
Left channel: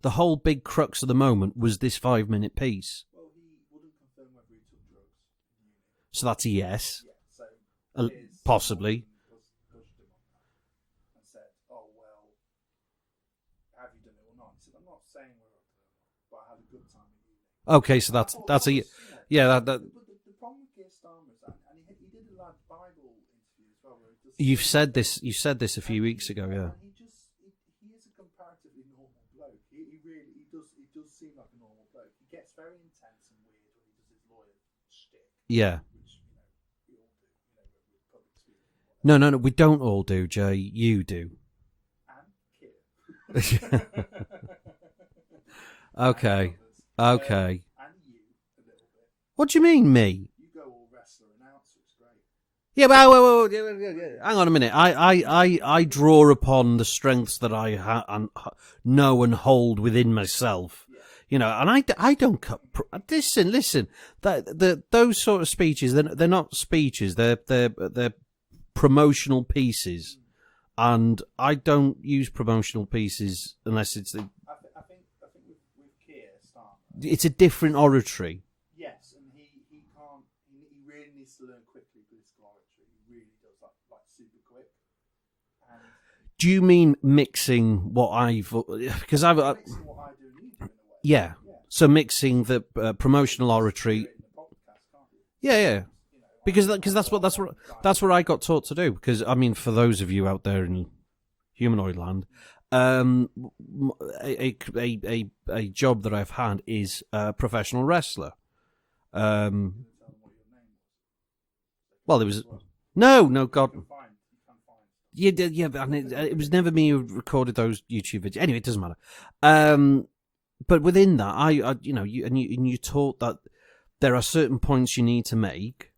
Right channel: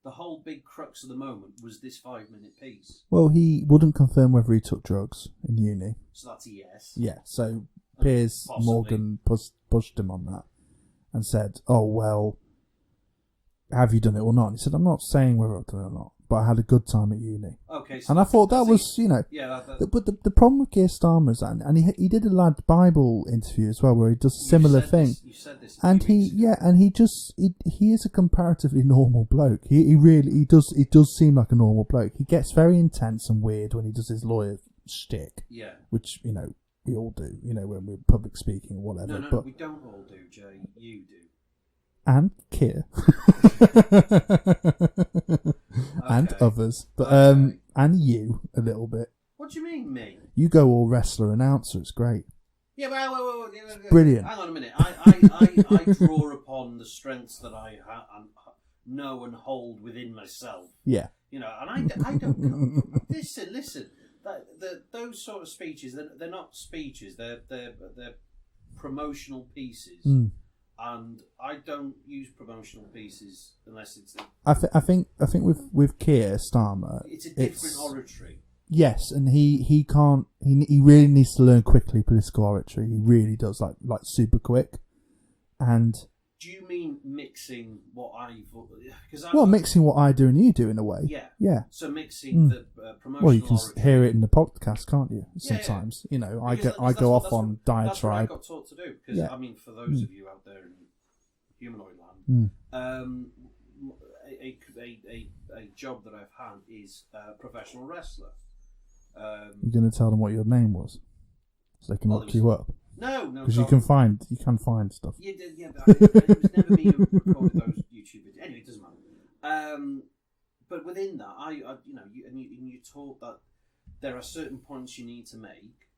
the whole big crux of the moment was this 5-minute piece. Well, he wouldn't confirm whether he took drugs in uni. So that's a yes. Yeah, so Piers Morgan pushed him on that and said, oh, well, have you done it or not? And he said, I'm not saying whether I've done it or not, but I had a good time at uni. Okay, so and I thought that was, Yeah, But the problem with Kier Starmer is that, and he did a Lad Bible interview as well, where he does similar things. You said this a few weeks ago. Yeah, and he is a comparatively normal bloke. He does seem like a normal bloke. He gets very intense and weird when he does his lawyer shtick. Yeah. Which, we all do, when we're public speaking or whatever. No, we don't all do, Jay. You do. And Kier. Okay. And others. Okay. And you, a little bit. What do you mean, me? You go all wrestler announcer. It's great. Yeah, well, brilliant. Hang on a minute. I draw upon the strengths that I know and hold within myself. Yeah. And I don't. Listen. Those sort of speeches, they're not speeches. They're promotional pieces. And I don't use promotional pieces unless it's. I think with Kier Starmer, it's a different oratory. Yes, and he can't. He really needs to learn quickly political oratory. He really does, like super quick. And do you mean mixing what mixing what I do and you do in a way? Yeah. So mixing the promotional oratory. Hear it in the podcast, can't you? Sometimes, Because that's what I got taught to do. Because I mean, for those of you out there in humanoid land, a job that I've had is a professional wrestler. You're going to tell them what your name was, so they can look you up. No, God. You can find stuff. Yeah, but it was never me who recorded those YouTube videos. Anyway, it doesn't matter. But within that, you taught that there are certain points you need to make,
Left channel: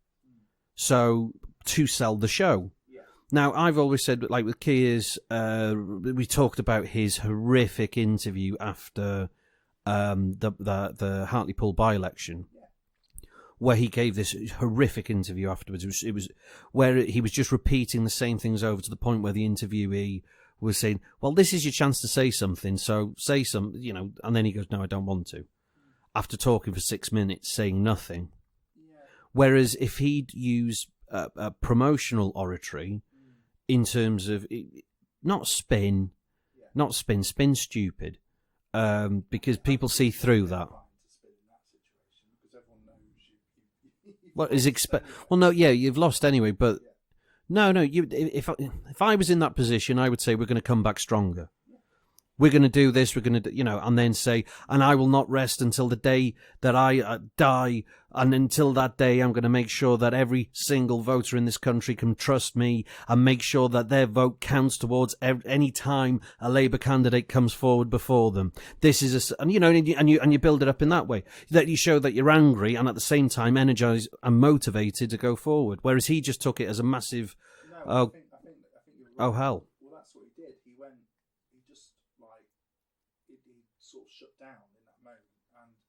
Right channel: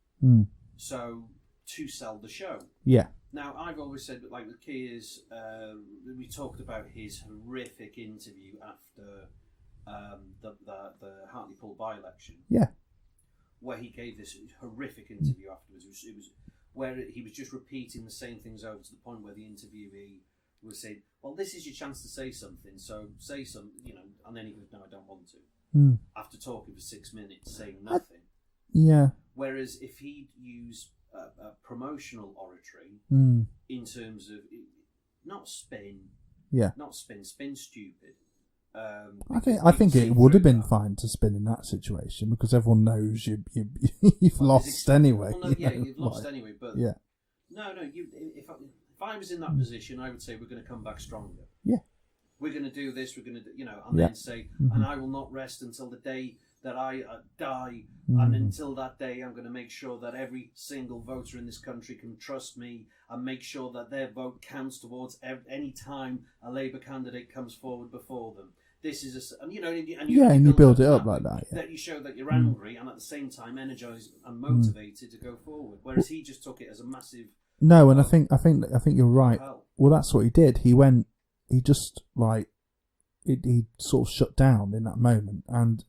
so to sell the show. Yeah. Now, I've always said, like with Kier's, we talked about his horrific interview after the Hartlepool by-election. Yeah. Where he gave this horrific interview afterwards. It was where he was just repeating the same things over to the point where the interviewee was saying, well, this is your chance to say something, so say some, and then he goes, no, I don't want to. After talking for 6 minutes, saying nothing. Yeah. Whereas if he'd use a promotional oratory in terms of not spin, spin stupid. Because I people think see it through would have been that. fine to spin in that situation because everyone knows you've lost anyway. Well, no, yeah, you've lost anyway, but yeah. No. If I was in that position, I would say we're going to come back stronger. Yeah. We're going to do this. We're going to, and then say, and I will not rest until the day that I die, and until that day, I'm going to make sure that every single voter in this country can trust me, and make sure that their vote counts towards any time a Labour candidate comes forward before them. This is and you build it up in that way, that you show that you're angry and at the same time energized and motivated to go forward. Whereas he just took it as a massive. No, and I think you're right. Oh, hell. Well, that's what he did. He went. He just, he sort of shut down in that moment. And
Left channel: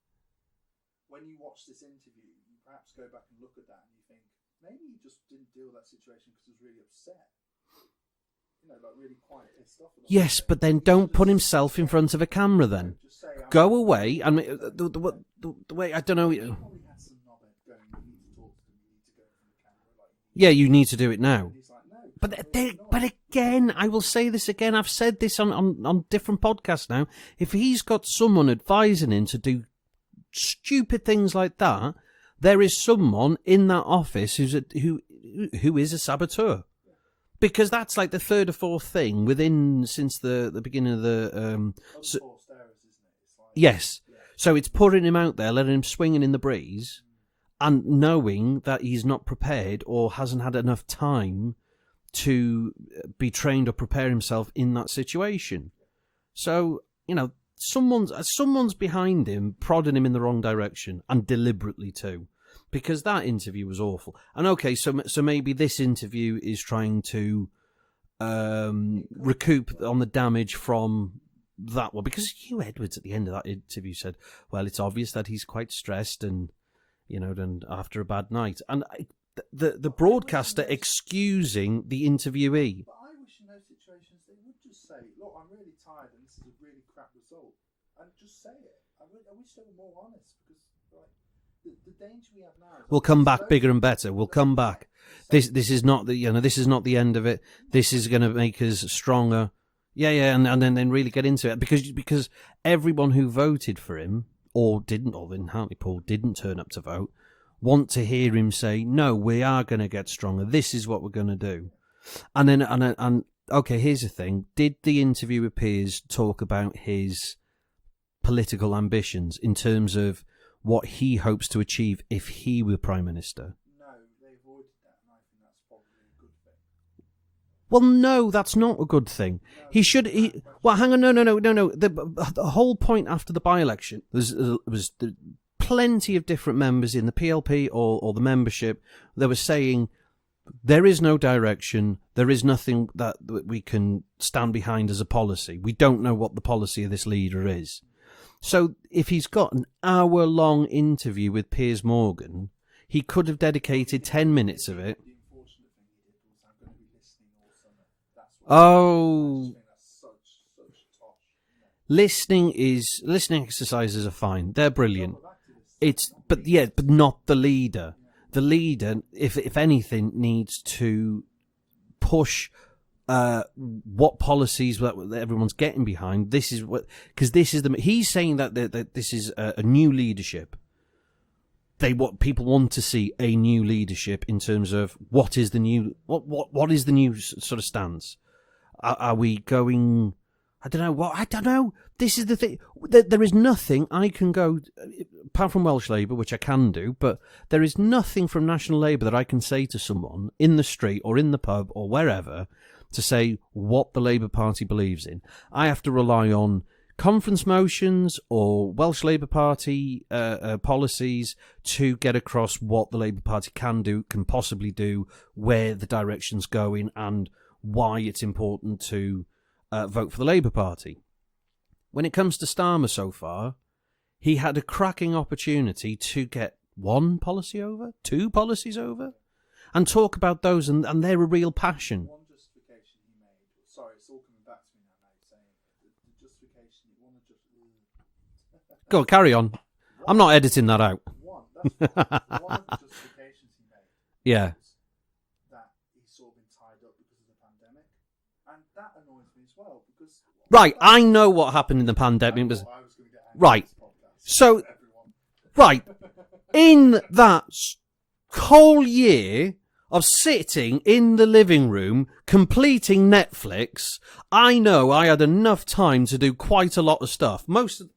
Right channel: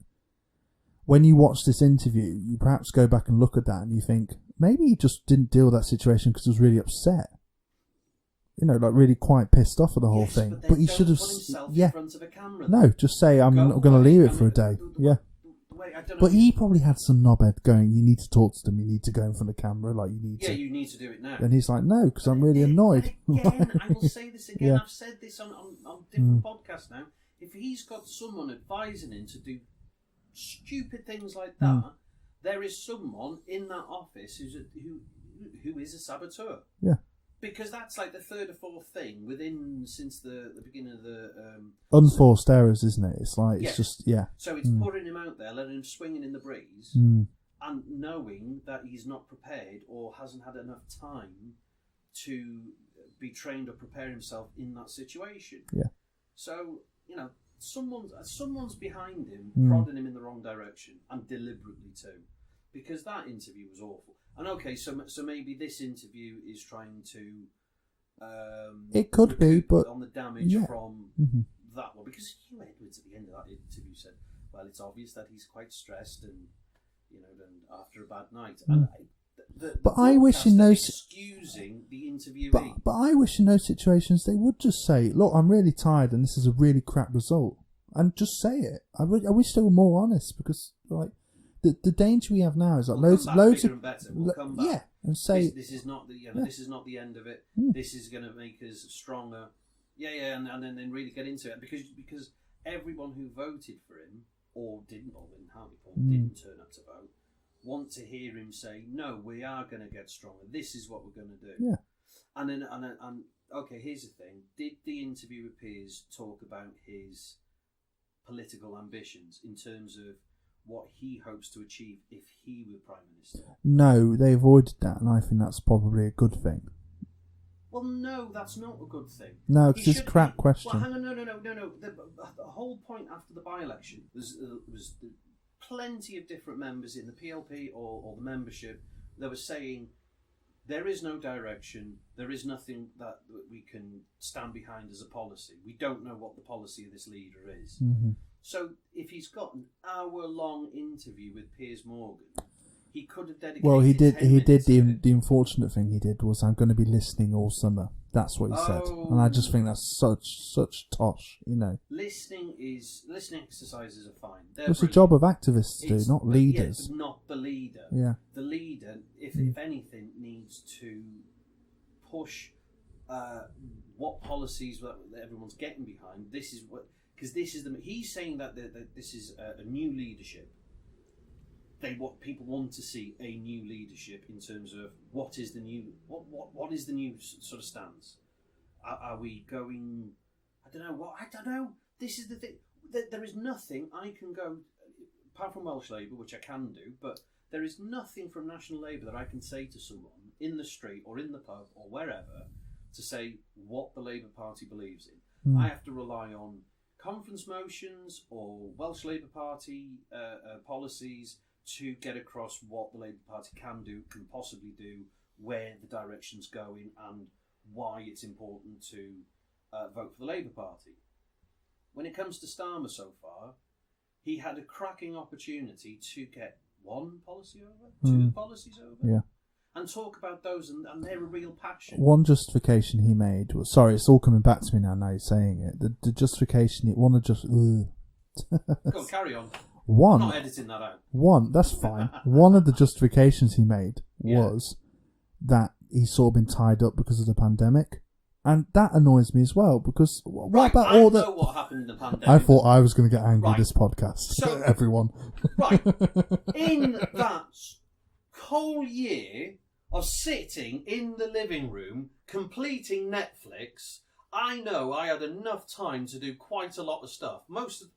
when you watch this interview, you perhaps go back and look at that and you think, maybe he just didn't deal with that situation because he was really upset. Really quite pissed off at the whole thing. Yes, but then don't put himself in front of a camera, though. No, just say, I'm going to leave it for a day. The way, I don't know. But he probably had some knobhead going, you need to talk to them, you need to go in front of the camera. You need to do it now. And he's like, no, because I'm really annoyed. But again, I will say this again, I've said this on different podcasts now. If he's got someone advising him to do stupid things like that, there is someone in that office who is a saboteur. Yeah. Because that's like the third or fourth thing since the beginning of the unforced errors, isn't it? It's like yes, yeah. So it's putting him out there, letting him swinging in the breeze, and knowing that he's not prepared or hasn't had enough time to be trained or prepare himself in that situation. Yeah. So someone's behind him, prodding him in the wrong direction, and deliberately too. Because that interview was awful. And okay, so maybe this interview is trying to recoup on the damage from that one. Because Hugh Edwards at the end of that interview said, well, it's obvious that he's quite stressed and after a bad night. And the broadcaster excusing the interviewee. But I wish in those situations they would just say, look, I'm really tired and this is a really crap result. And just say it. I wish they were more honest because, the danger we have now is we'll come back bigger and better. We'll come back. Yeah, this is not this is not the end of it. This is going to make us stronger. Yeah, and then really get into it because everyone who voted for him or in Hartlepool didn't turn up to vote want to hear him say, no, we are going to get stronger. This is what we're going to do. Yeah. And okay, here's the thing: did the interview with Piers talk about his political ambitions in terms of what he hopes to achieve if he were Prime Minister? No, they avoided that, and I think that's probably a good thing. Well, no, that's not a good thing. No, he should. Well, hang on, no. The whole point after the by-election was plenty of different members in the PLP or the membership that were saying there is no direction, there is nothing that we can stand behind as a policy. We don't know what the policy of this leader is. Mm-hmm. So if he's got an hour-long interview with Piers Morgan, he could have dedicated 10 minutes of it. The unfortunate thing he did was, I'm going to be listening all summer. That's what he said. And I just think that's such tosh, Listening exercises are fine. They're brilliant. It's the job of activists, not leaders. Yeah, but not the leader. Yeah. The leader, if anything, needs to push what policies that everyone's getting behind. This is he's saying that this is a new leadership. People want to see a new leadership in terms of what is the new sort of stance. Are we going? I don't know. This is the thing. There is nothing I can go apart from Welsh Labour, which I can do, but there is nothing from National Labour that I can say to someone in the street or in the pub or wherever to say what the Labour Party believes in. I have to rely on conference motions or Welsh Labour Party policies to get across what the Labour Party can possibly do, where the direction's going, and why it's important to vote for the Labour Party. When it comes to Starmer so far, he had a cracking opportunity to get one policy over, two policies over, and talk about those, and they're a real passion. One justification he made was, sorry, it's all coming back to me now you're saying it. The justification, Go on, carry on. I'm not editing that out. That's fine. One of the justifications he made was that he's sort of been tied up because of the pandemic. And that annoys me as well, because... Right, I know what happened in the pandemic. I thought I was going to get angry at this podcast. So, everyone. Right. In that whole year of sitting in the living room, completing Netflix, I know I had enough time to do quite a lot of stuff. Most of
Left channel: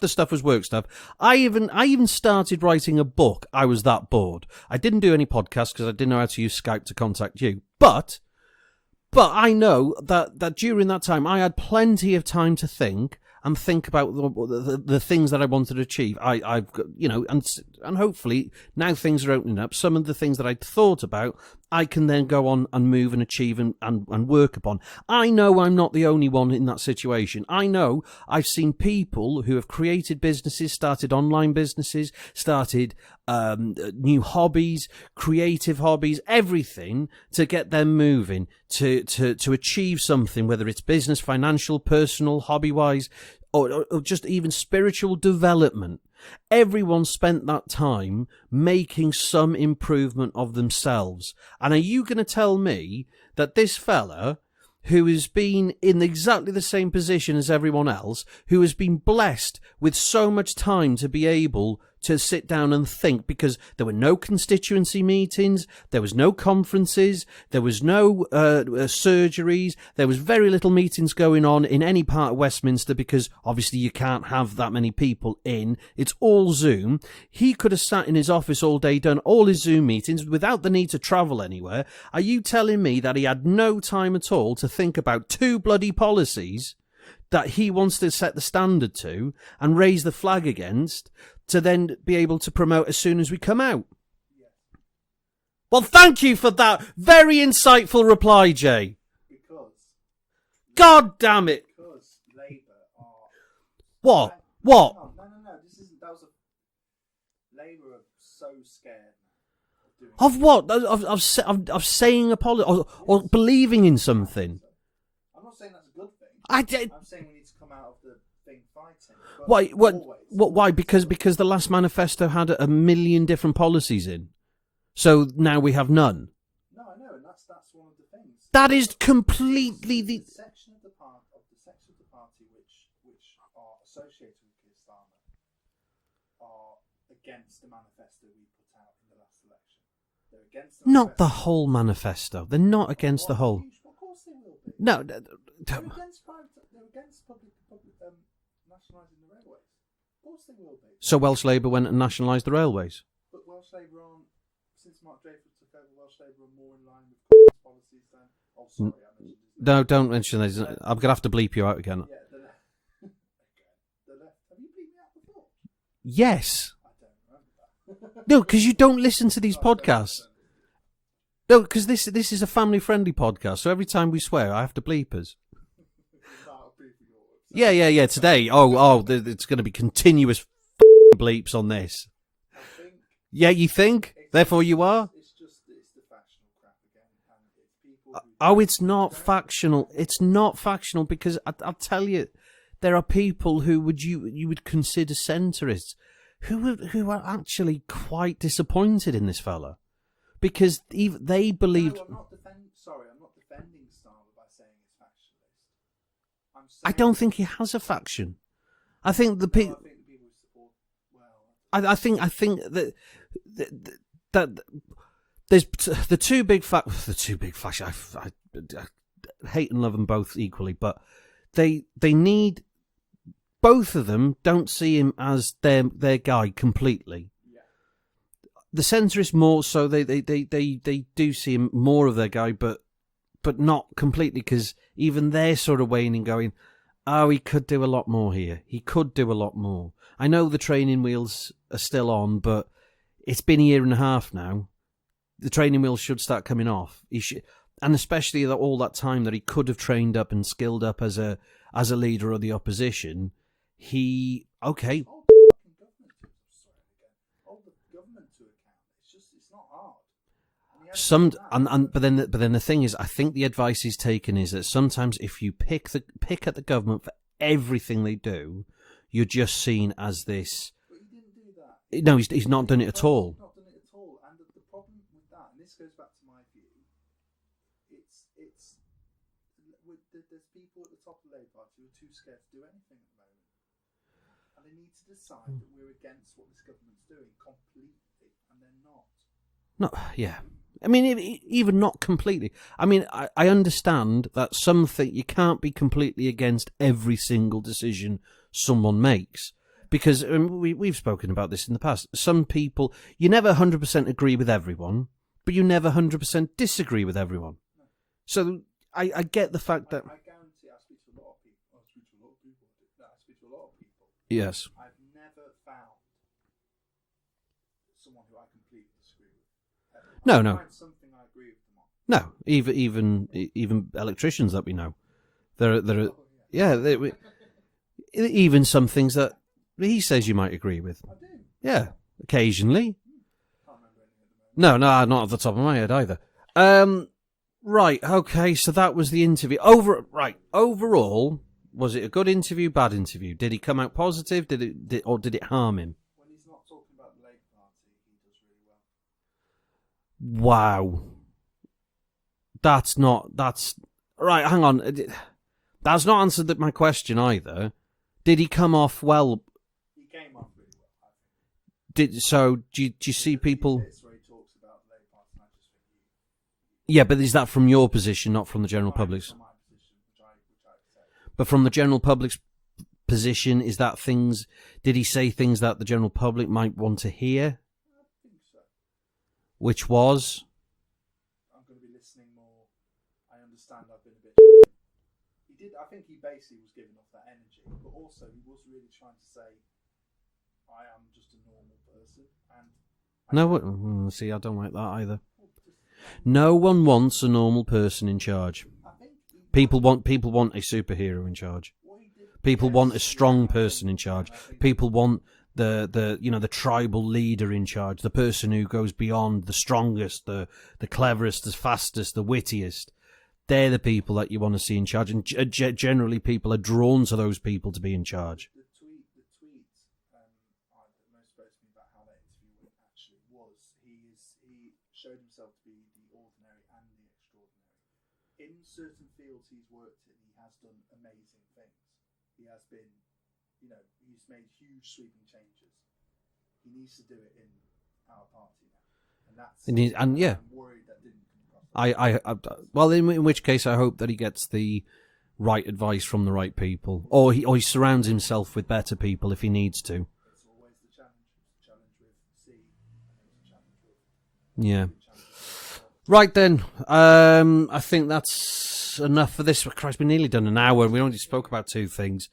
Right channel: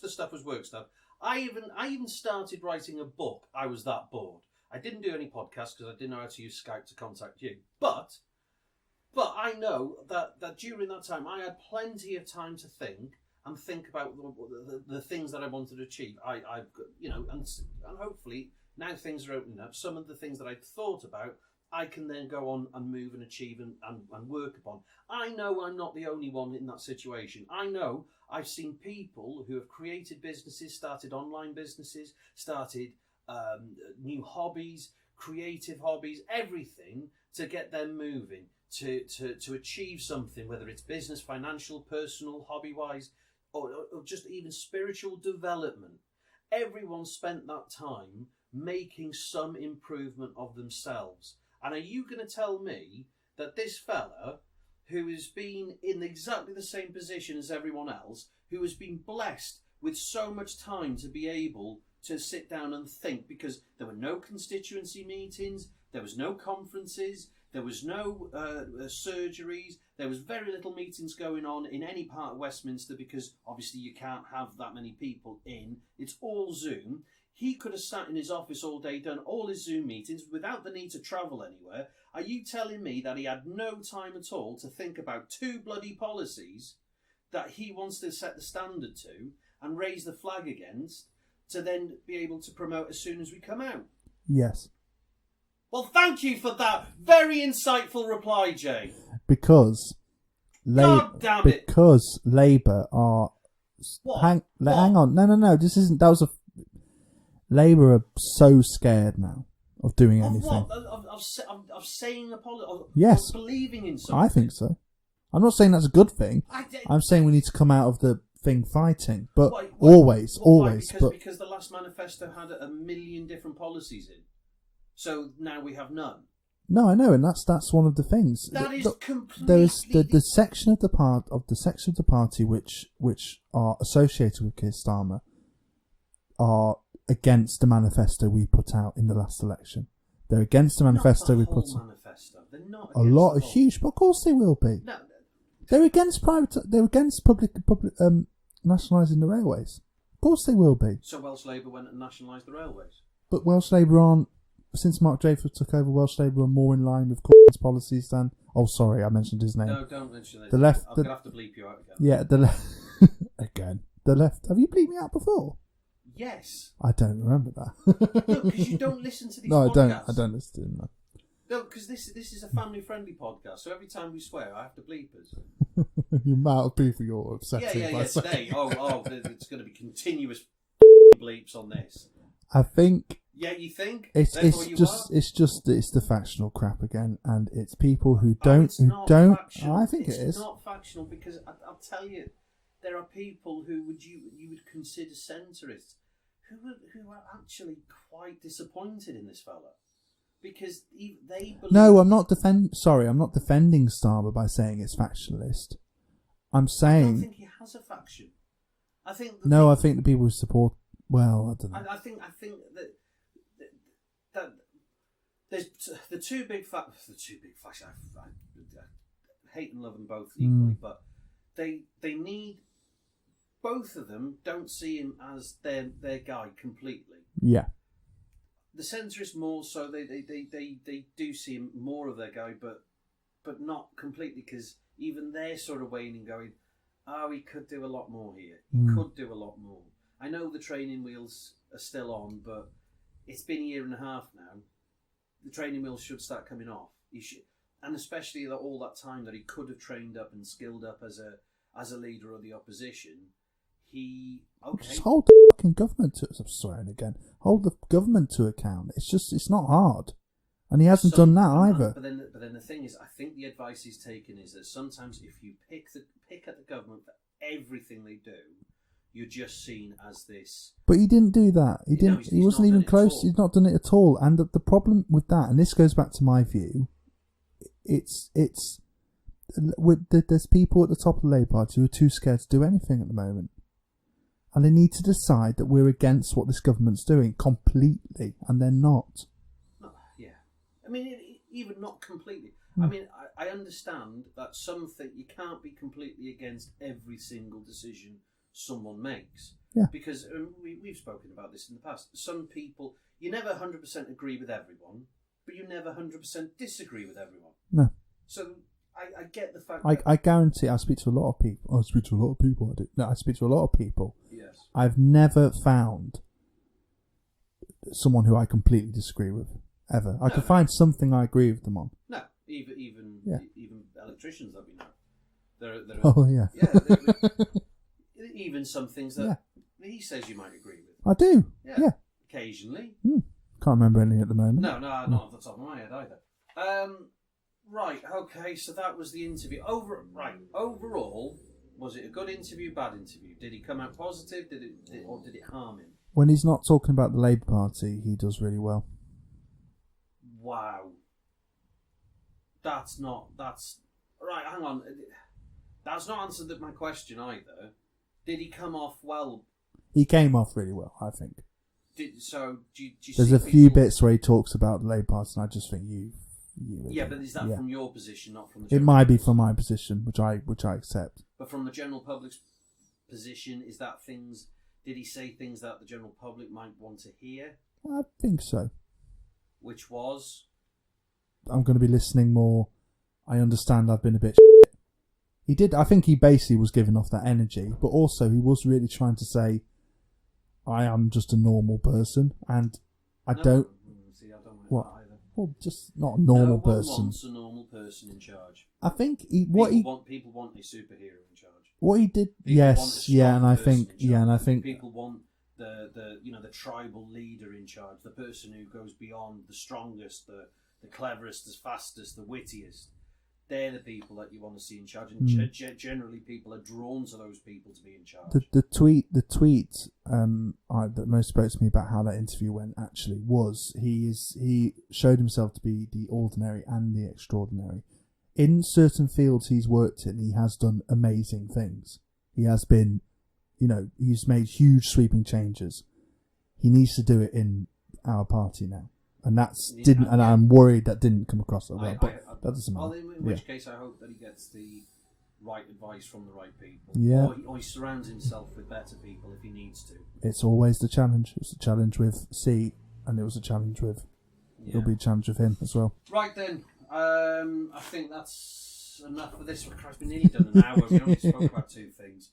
the stuff was work stuff. I even started writing a book. I was that bored. I didn't do any podcasts because I didn't know how to use Skype to contact you. But I know that during that time, I had plenty of time to think about the things that I wanted to achieve. I've got, and hopefully now things are opening up. Some of the things that I'd thought about, I can then go on and move and achieve and work upon. I know I'm not the only one in that situation. I know I've seen people who have created businesses, started online businesses, started new hobbies, creative hobbies, everything to get them moving, to achieve something, whether it's business, financial, personal, hobby-wise, or just even spiritual development. Everyone spent that time making some improvement of themselves. And are you going to tell me that this fella, who has been in exactly the same position as everyone else, who has been blessed with so much time to be able to sit down and think, because there were no constituency meetings, there was no conferences, there was no surgeries, there was very little meetings going on in any part of Westminster, because obviously you can't have that many people in. It's all Zoom. He could have sat in his office all day, done all his Zoom meetings without the need to travel anywhere. Are you telling me that he had no time at all to think about two bloody policies that he wants to set the standard to and raise the flag against, to then be able to promote as soon as we come out? Yes. Well, thank you for that very insightful reply, Jay. Because... God damn it. Because Labour are... What? Hang on. No. This isn't... That was a... Labour are so scared now of doing Of anything. what? Of saying apology? Yes. Or believing in something? I think so. I'm not saying that's a good thing. I'm saying we need to come out of the thing fighting, but always. Why? Because the last manifesto had 1 million different policies in, so now we have none. No, I know, and that's one of the things. That is completely the section of the party which are associated with Kier Starmer are against the manifesto we put out in the last election. They're against the manifesto. Not the whole manifesto. They're not against the whole. Huge, but of course they will be. No. They're against They're against public nationalising the railways. Of course they will be. So Welsh Labour went and nationalised the railways. But Welsh Labour aren't. Since Mark Dreyfus took over, Welsh Labour are more in line with Cummings' policies than. Oh, sorry, I mentioned his name. No, don't mention his name. I'm gonna have to bleep you out again. Yeah, the left. Again, the left. Have you bleeped me out before? Yes. I don't remember that. No, because you don't listen to these podcasts. I don't listen to them. No. No, because this is a family-friendly podcast, so every time we swear, I have to bleep us. The amount of people you're obsessed with. Yeah, today. It's going to be continuous bleeps on this. I think... Yeah, you think? Therefore you are? It's the factional crap again, and it's people who don't... Oh, it's not factional. It's not factional, because I'll tell you, there are people who you would consider centrists who are actually quite disappointed in this fella. Because they believe... No, I'm not defending Starmer by saying it's factionalist. I'm saying... I don't think he has a faction. I think I think the people who support... Well, I don't know. I think that there's the two big factions. I hate and love them both equally, but they need... Both of them don't see him as their guy completely. Yeah. The centrists more so, they do see him more of their guy, but not completely, because even they're sort of waning, going, Oh, he could do a lot more here. He could do a lot more. I know the training wheels are still on, but it's been a year and a half now. The training wheels should start coming off. He should, and especially all that time that he could have trained up and skilled up as a leader of the opposition. Just hold the fucking government to. I'm swearing again. Hold the government to account. It's not hard, and he hasn't done that either. But then the thing is, I think the advice he's taken is that sometimes if you pick at the government for everything they do, you're just seen as this. But he didn't do that. He's not done it at all. He's not done it at all. And the problem with that, and this goes back to my view, there's people at the top of the Labour Party who are too scared to do anything at the moment. And they need to decide that we're against what this government's doing completely, and they're not. No, yeah. I mean, even not completely. I mean, I understand that something you can't be completely against every single decision someone makes. Yeah. Because we've spoken about this in the past. Some people, you never 100% agree with everyone, but you never 100% disagree with everyone. No. So I get the fact that... I guarantee I speak to a lot of people. I speak to a lot of people. I speak to a lot of people. Yes. I've never found someone who I completely disagree with, ever. I can find something I agree with them on. No, even electricians that we know. There are, oh, yeah. Yeah, even some things that he says you might agree with. I do. Yeah. Occasionally. Can't remember anything at the moment. No, not off the top of my head either. Right, okay, so that was the interview. Overall, was it a good interview, bad interview? Did he come out positive? Did it harm him? When he's not talking about the Labour Party, he does really well. Wow. That's right, hang on. That's not answered my question either. Did he come off well? He came off really well, I think. Do you see people... There's a few bits where he talks about the Labour Party, and I just think yeah, but is that from your position, not from the general public? It might be from my position, which I accept. But from the general public's position, is that things... Did he say things that the general public might want to hear? I think so. Which was? I'm going to be listening more. I understand I've been a bit... He did. I think he basically was giving off that energy, but also he was really trying to say, I am just a normal person, and... I don't like that either. Well, just not a normal No one person. wants a normal person in charge. I think people want a superhero in charge. What he did, people want a strong person in charge. Yeah, and I think people want the tribal leader in charge, the person who goes beyond, the strongest, the cleverest, the fastest, the wittiest. They're the people that you want to see in charge, and generally people are drawn to those people to be in charge. The tweet that most spoke to me about how that interview went actually was he showed himself to be the ordinary and the extraordinary. In certain fields he's worked in, he has done amazing things. He has been, he's made huge sweeping changes. He needs to do it in our party now. And I'm worried that didn't come across. In which case, I hope that he gets the right advice from the right people, or he surrounds himself with better people if he needs to. It's always the challenge. It's a challenge with C, and it was a challenge with it'll be a challenge with him as well. Right then, I think that's enough for this. Christ, we've nearly done an hour. We only spoke about two things.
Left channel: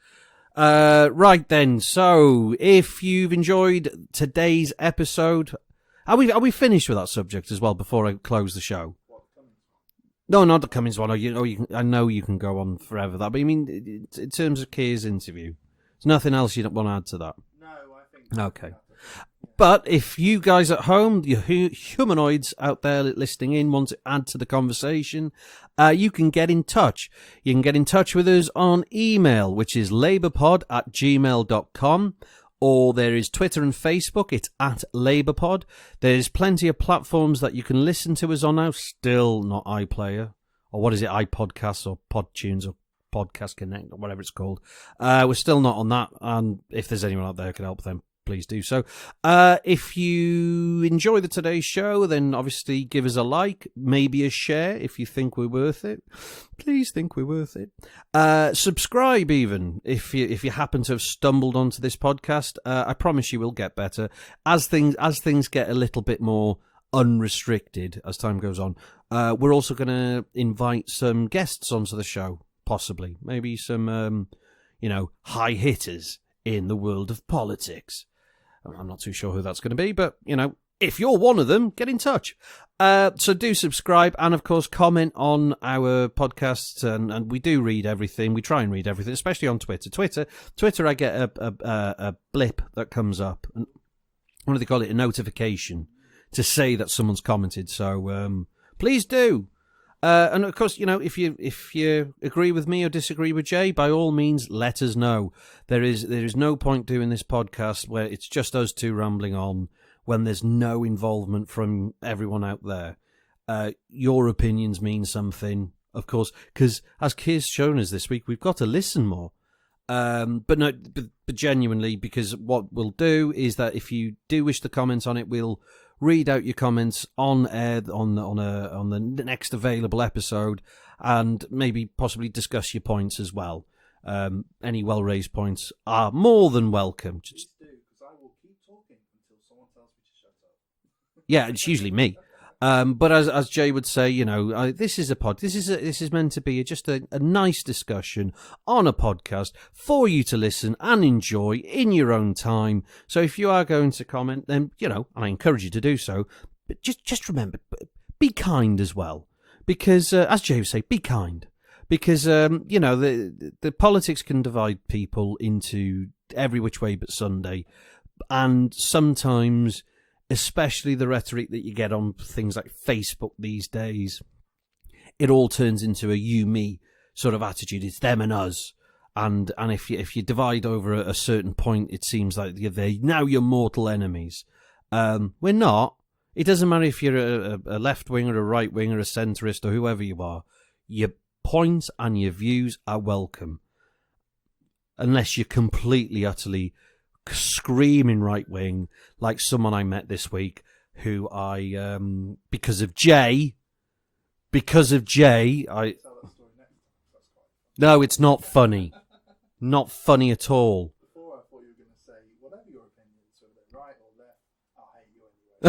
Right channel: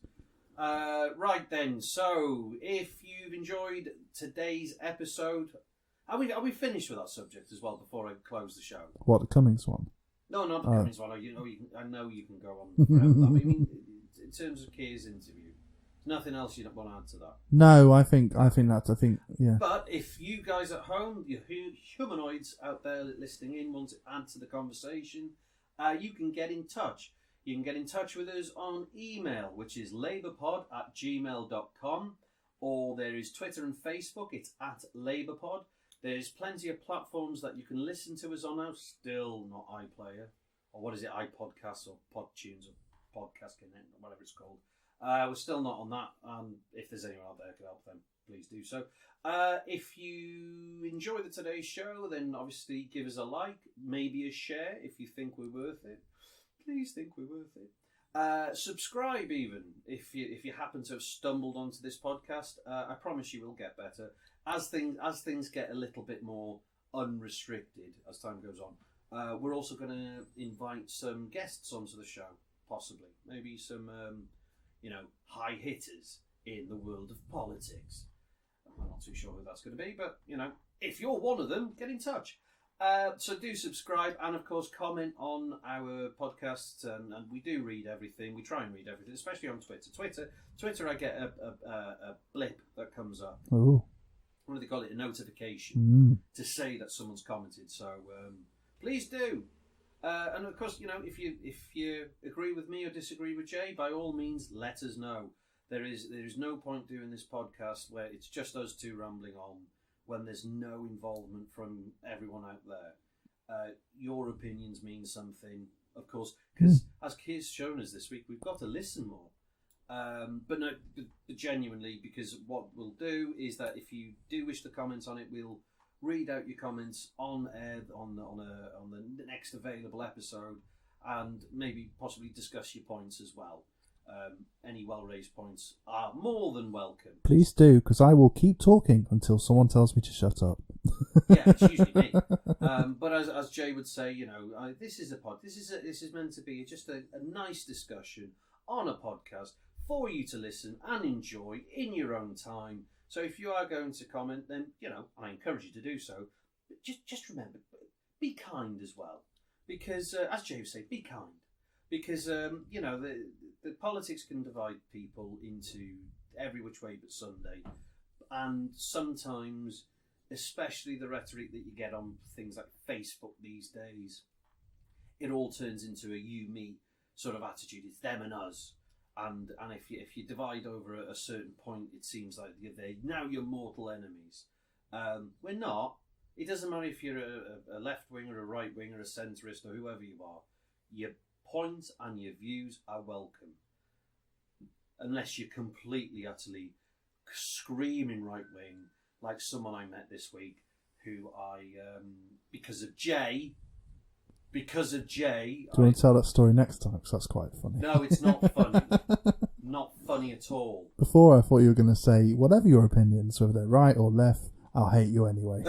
Right then, so if you've enjoyed today's episode. Are we finished with that subject as well before I close the show? What, the Cummings one? No, not the Cummings one. I know you can go on forever. But I mean, in terms of Kier's interview, there's nothing else you don't want to add to that. No, I think. But if you guys at home, you humanoids out there listening in, want to add to the conversation, you can get in touch. You can get in touch with us on email, which is labourpod@gmail.com. Or there is Twitter and Facebook. It's @LabourPod. There's plenty of platforms that you can listen to us on now. Still not iPlayer. Or what is it? iPodcasts or PodTunes or Podcast Connect or whatever it's called. We're still not on that. And if there's anyone out there who can help them, please do so. If you enjoy today's show, then obviously give us a like, maybe a share if you think we're worth it. Please think we're worth it. Subscribe even if you happen to have stumbled onto this podcast. I promise you will get better as things get a little bit more unrestricted as time goes on. We're also going to invite some guests onto the show, possibly maybe some high hitters in the world of politics. I'm not too sure who that's going to be, but, if you're one of them, get in touch. So do subscribe and, of course, comment on our podcasts. And we do read everything. We try and read everything, especially on Twitter. Twitter, I get a blip that comes up. Ooh. What do they call it? A notification to say that someone's commented. So please do. And, of course, if you agree with me or disagree with Jay, by all means, let us know. There is no point doing this podcast where it's just us two rambling on when there's no involvement from everyone out there. Your opinions mean something, of course, because as Kier's shown us this week, we've got to listen more. But genuinely, because what we'll do is that if you do wish to comment on it, we'll read out your comments on air on the next available episode, and maybe possibly discuss your points as well. Any well-raised points are more than welcome. Please do, because I will keep talking until someone tells me to shut up. Yeah, it's usually me. But as Jay would say, this is a pod. This is meant to be just a nice discussion on a podcast for you to listen and enjoy in your own time. So if you are going to comment, then and I encourage you to do so. But just remember, be kind as well, because as Jay would say, be kind. Because, the politics can divide people into every which way but Sunday. And sometimes, especially the rhetoric that you get on things like Facebook these days, it all turns into a you-me sort of attitude. It's them and us. And if you divide over a certain point, it seems like now you're mortal enemies. We're not. It doesn't matter if you're a left-winger, a right-winger, a centrist, or whoever you are. Your points and your views are welcome, unless you're completely, utterly screaming right wing, like someone I met this week, who I because of Jay. Do you want to tell that story next time? Because that's quite funny. No, it's not funny. Not funny at all. Before I thought you were going to say, whatever your opinions, whether they're right or left, I'll hate you anyway.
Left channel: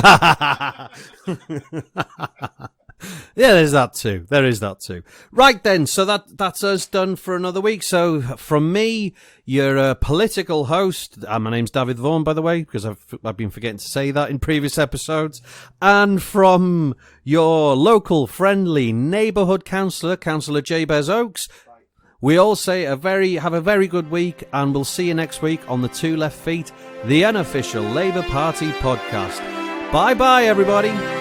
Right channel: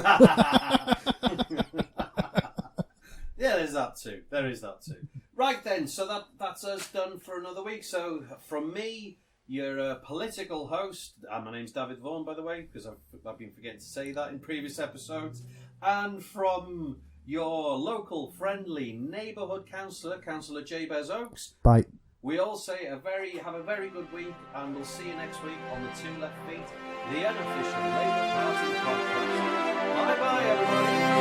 Yeah, there's that too. There is that too. Right then, so that's us done for another week. So from me, your political host, my name's Dafydd Vaughan, by the way, because I've been forgetting to say that in previous episodes, and from your local friendly neighbourhood councillor, Cllr Jabez Oakes. Bye. We all say have a very good week, and we'll see you next week on the Two Left Feet, the Unofficial Labour Party Podcast. Bye bye, everybody.